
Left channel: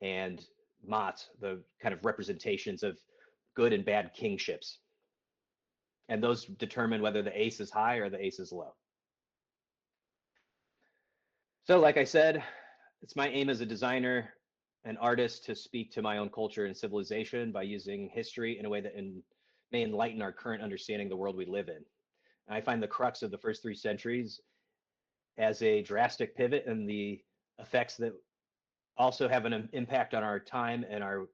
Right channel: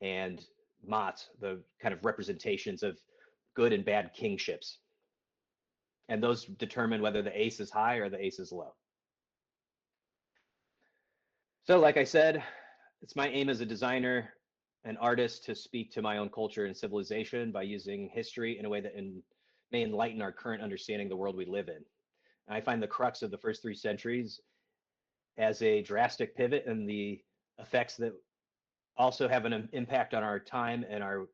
and Mat, the kind of representations of good and bad kingships. And those determine whether the ace is high or the ace is low. So like I said, it's my aim as a designer, an artist, to speak to my own culture and civilization by using history in a way that may enlighten our current understanding of the world we live in. And I find the crux of the first 3 centuries as a drastic pivot and the effects that also have an impact on our time and our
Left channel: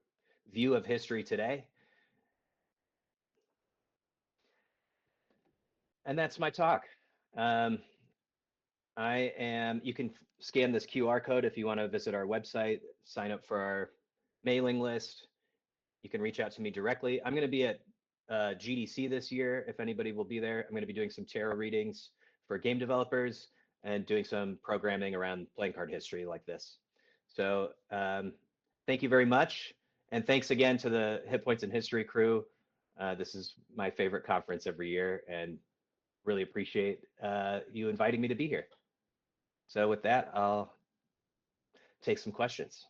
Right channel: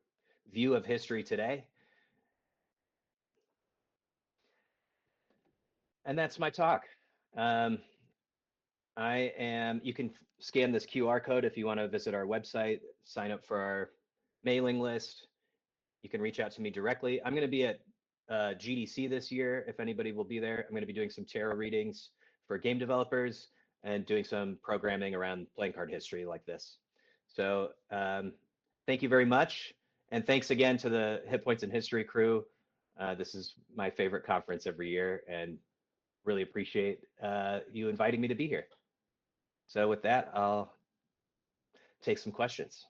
view of history today. And that's my talk. You can scan this QR code if you want to visit our website, sign up for our mailing list. You can reach out to me directly. I'm going to be at GDC this year, if anybody will be there. I'm going to be doing some tarot readings for game developers and doing some programming around playing card history like this. So thank you very much. And thanks again to the Hit Points in History crew. This is my favorite conference every year and really appreciate you inviting me to be here. So with that, I'll take some questions.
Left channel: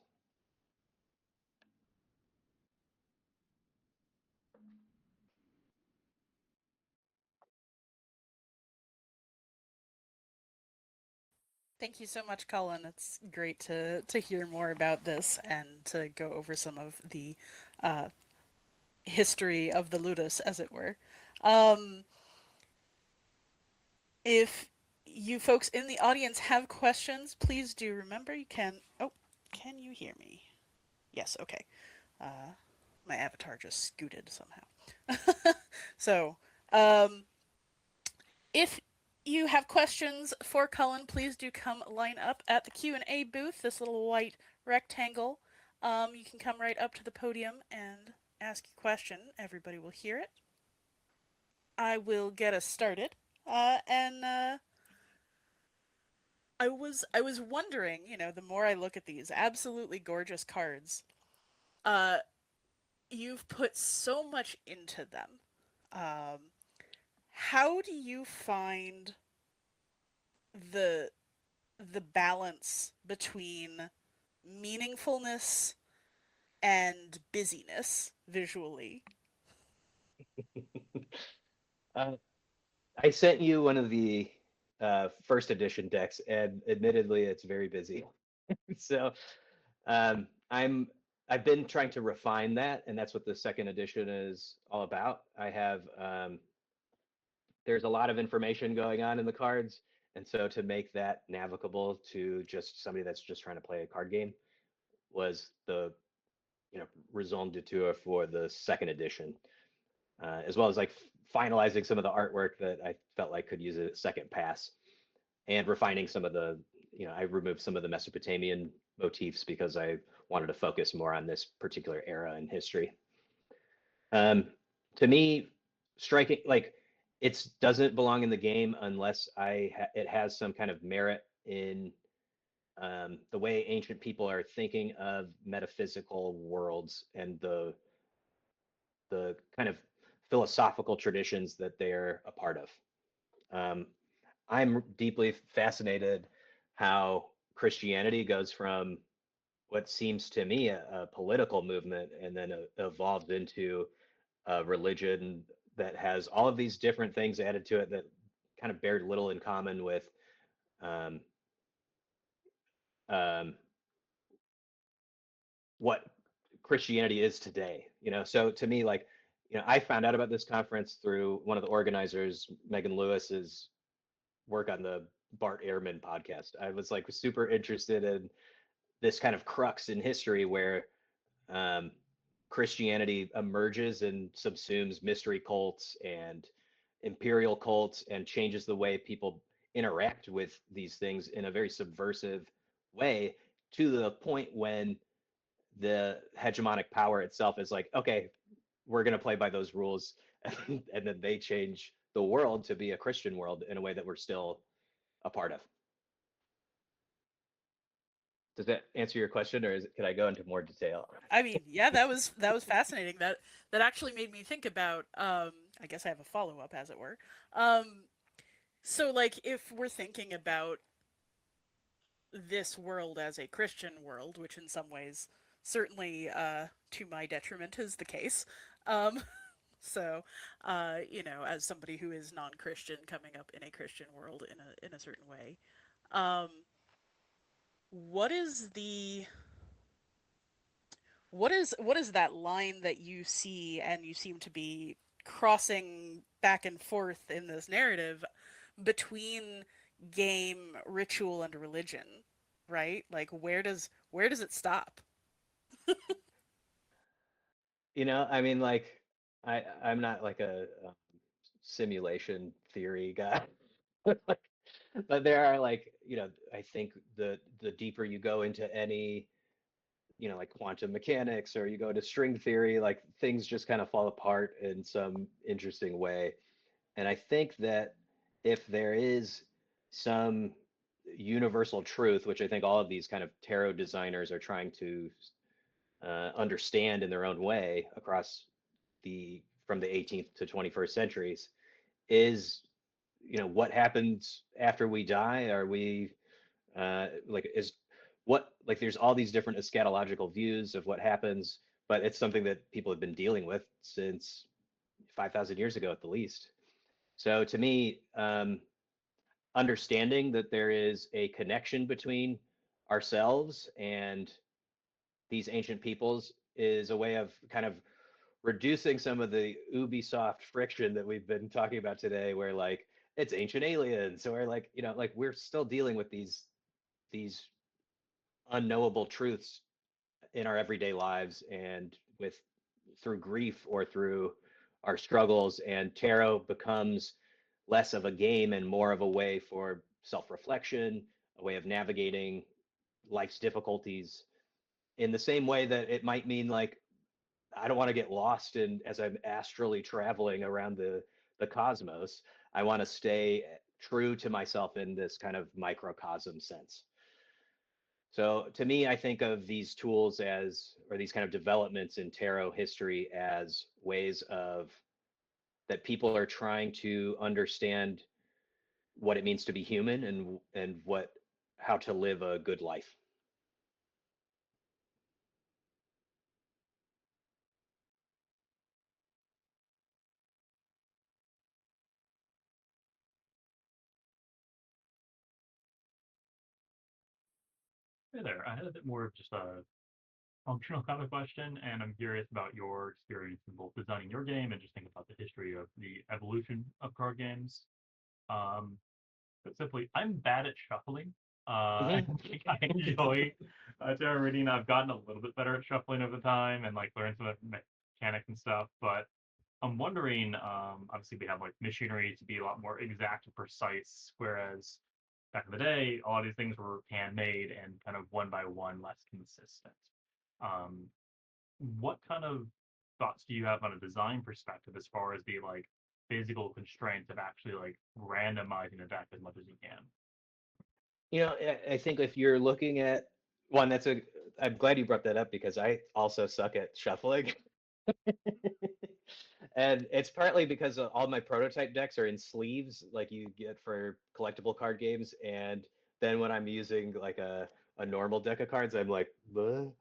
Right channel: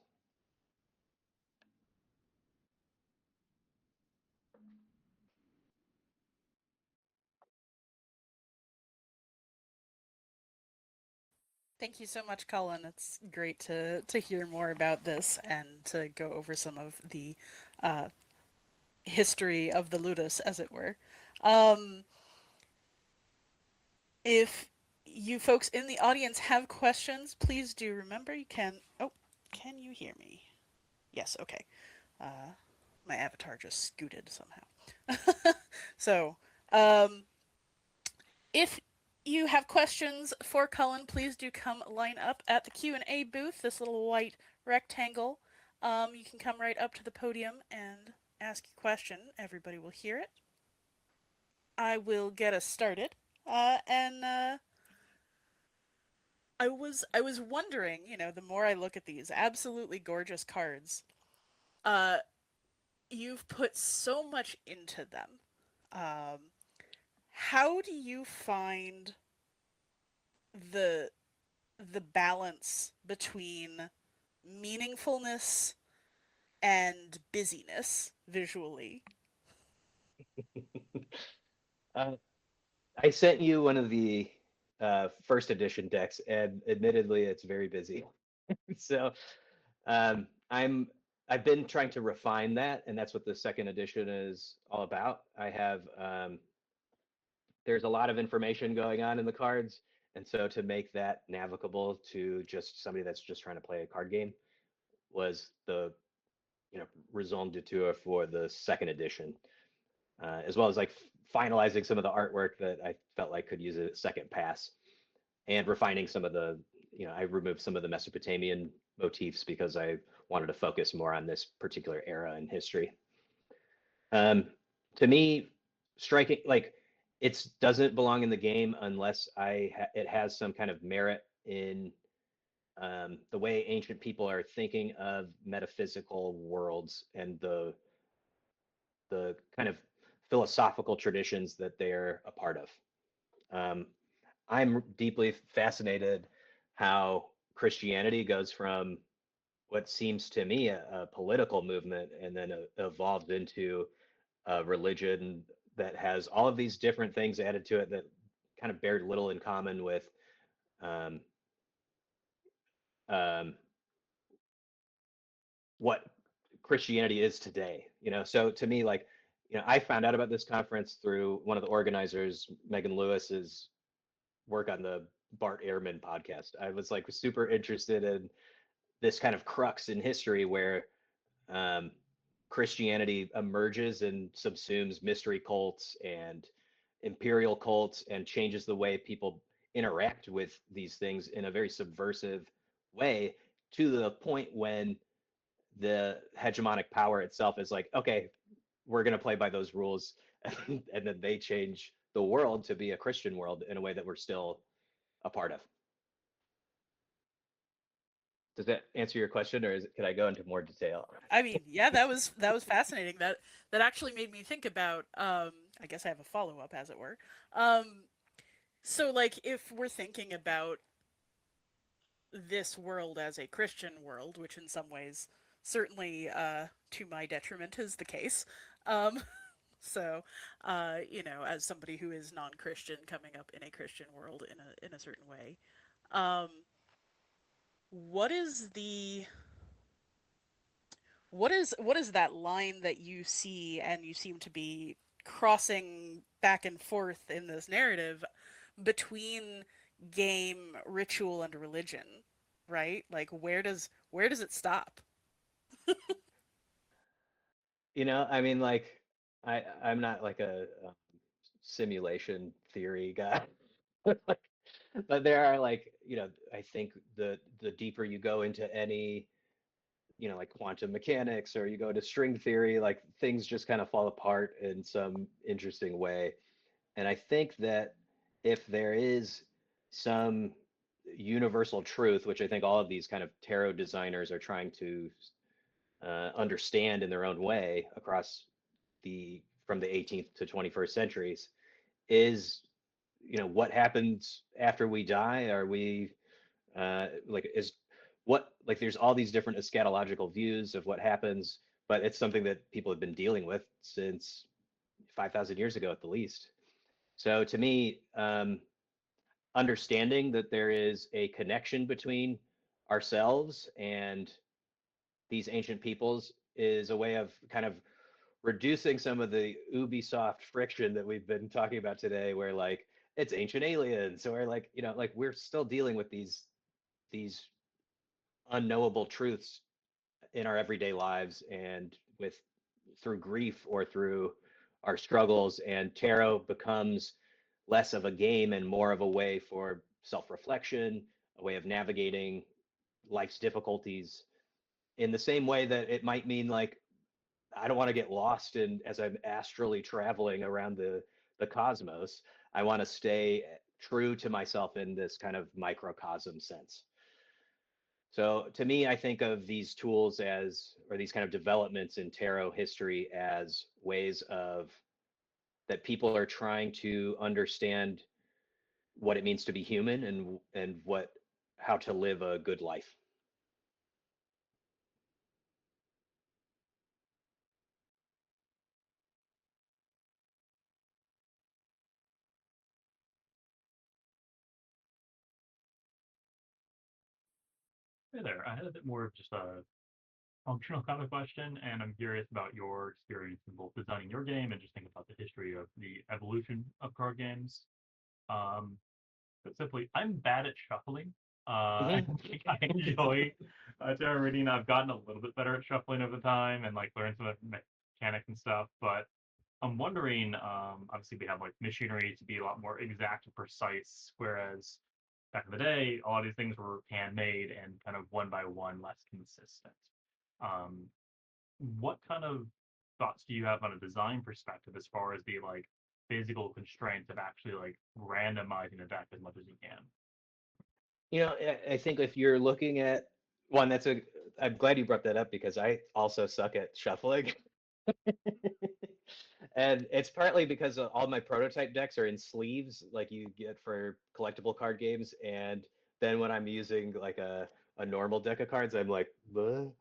Thank you so much, Colin. It's great to hear more about this and to go over some of the history of the ludus, as it were. If you folks in the audience have questions, please do remember you can. Oh, can you hear me? Yes, okay. My avatar just scooted somehow. So, if you have questions for Colin, please do come line up at the Q&A booth, this little white rectangle. You can come right up to the podium and ask your question. Everybody will hear it. I will get us started. I was wondering, the more I look at these absolutely gorgeous cards, you've put so much into them. How do you find the balance between meaningfulness and busyness visually? I sent you one of the first edition decks, and admittedly, it's very busy. So I've been trying to refine that, and that's what the second edition is all about. I have there's a lot of information going on in the cards, and so to make that navigable to just somebody that's just trying to play a card game was the raison d'etre for the second edition, as well as like finalizing some of the artwork that I felt like could use a second pass, and refining some of the, I removed some of the Mesopotamian motifs because I wanted to focus more on this particular era in history. To me, striking like it doesn't belong in the game unless it has some kind of merit in the way ancient people are thinking of metaphysical worlds and the kind of philosophical traditions that they're a part of. I'm deeply fascinated how Christianity goes from what seems to me a political movement and then evolved into a religion that has all of these different things added to it that kind of bear little in common with um, um, what Christianity is today. So to me, like, I found out about this conference through one of the organizers, Megan Lewis's work on the Bart Ehrman podcast. I was like super interested in this kind of crux in history where um, Christianity emerges and subsumes mystery cults and imperial cults and changes the way people interact with these things in a very subversive way, to the point when the hegemonic power itself is like, okay, we're going to play by those rules. And then they change the world to be a Christian world in a way that we're still a part of. Does that answer your question, or could I go into more detail? I mean, yeah, that was fascinating. That actually made me think about. I guess I have a follow up, as it were. So, like, if we're thinking about this world as a Christian world, which in some ways, certainly to my detriment, is the case. Um, so, as somebody who is non-Christian coming up in a Christian world in a certain way, um, what is the what is that line that you see and you seem to be crossing back and forth in this narrative between game, ritual, and religion, right? Like where does it stop? I mean, like, I'm not like a simulation theory guy, but there are like, I think the deeper you go into any, like quantum mechanics, or you go to string theory, like things just kind of fall apart in some interesting way. And I think that if there is some universal truth, which I think all of these kind of tarot designers are trying to understand in their own way across the from the 18th to 21st centuries, is what happens after we die. Are we like is what like there's all these different eschatological views of what happens, but it's something that people have been dealing with since 5,000 years ago at the least. So to me, understanding that there is a connection between ourselves and these ancient peoples is a way of kind of reducing some of the Ubisoft friction that we've been talking about today, where like it's ancient aliens, or like like we're still dealing with these unknowable truths in our everyday lives, and with through grief or through our struggles. And tarot becomes less of a game and more of a way for self-reflection, a way of navigating life's difficulties, in the same way that it might mean like I don't want to get lost in as I'm astrally traveling around the cosmos. I want to stay true to myself in this kind of microcosm sense. So to me, I think of these tools as, or these kind of developments in tarot history, as ways of that people are trying to understand what it means to be human, and what how to live a good life. Hey there. I had a bit more of just a functional kind of question, and I'm curious about your experience in both designing your game and just thinking about the history of the evolution of card games. Um, but simply, I'm bad at shuffling. I think I enjoy tarot reading. I've gotten a little bit better at shuffling over time and like learn some of the mechanics and stuff. But I'm wondering, obviously we have like machinery to be a lot more exact and precise, whereas back in the day, a lot of these things were handmade and kind of one by one less consistent. Um, what kind of thoughts do you have on a design perspective as far as the like physical constraints of actually like randomizing a deck as much as you can? I think if you're looking at one, I'm glad you brought that up because I also suck at shuffling. And it's partly because all my prototype decks are in sleeves, like you get for collectible card games. And then when I'm using like a normal deck of cards, I'm like, "Bleh."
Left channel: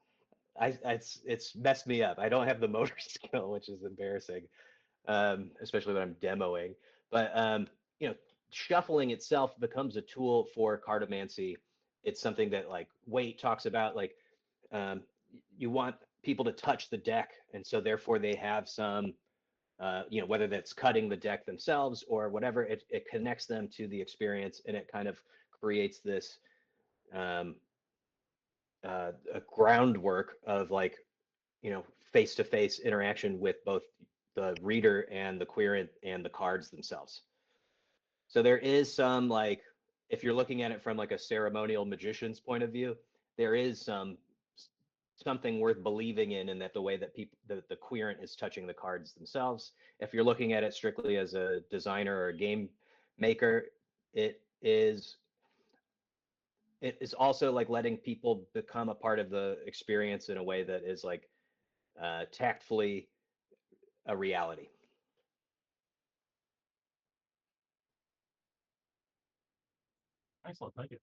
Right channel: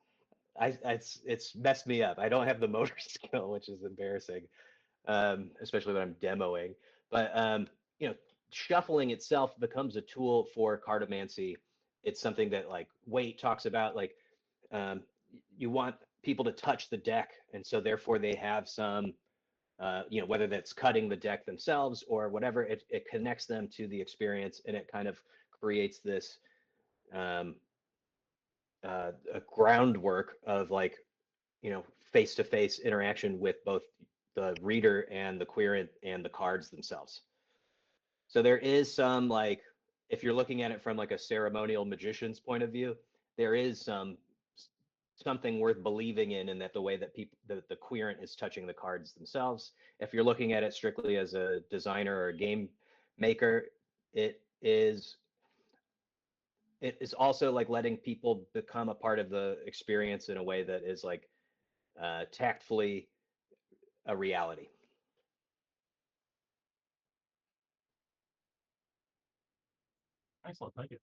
It's messed me up. I don't have the motor skill, which is embarrassing, especially when I'm demoing. But shuffling itself becomes a tool for cartomancy. It's something that like Waite talks about. Like um, you want people to touch the deck, and so therefore they have some, whether that's cutting the deck themselves or whatever, it connects them to the experience, and it kind of creates this um, a groundwork of like face-to-face interaction with both the reader and the querent and the cards themselves. So there is some like, if you're looking at it from like a ceremonial magician's point of view, there is something worth believing in that the way that the querent is touching the cards themselves. If you're looking at it strictly as a designer or a game maker, it is it is also like letting people become a part of the experience in a way that is like tactfully a reality. Excellent, thank you.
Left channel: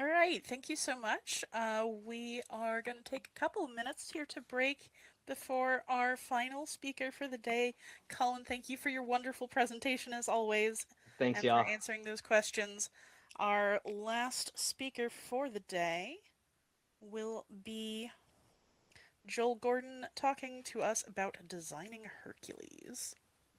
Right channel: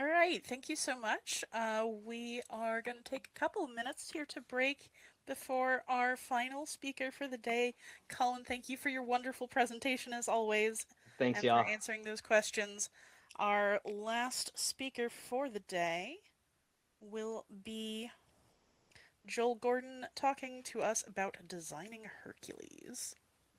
All right, thank you so much. We are going to take a couple of minutes here to break before our final speaker for the day. Colin, thank you for your wonderful presentation as always. Thanks, and y'all. for answering those questions. Our last speaker for the day will be Joel Gordon talking to us about designing Hercules.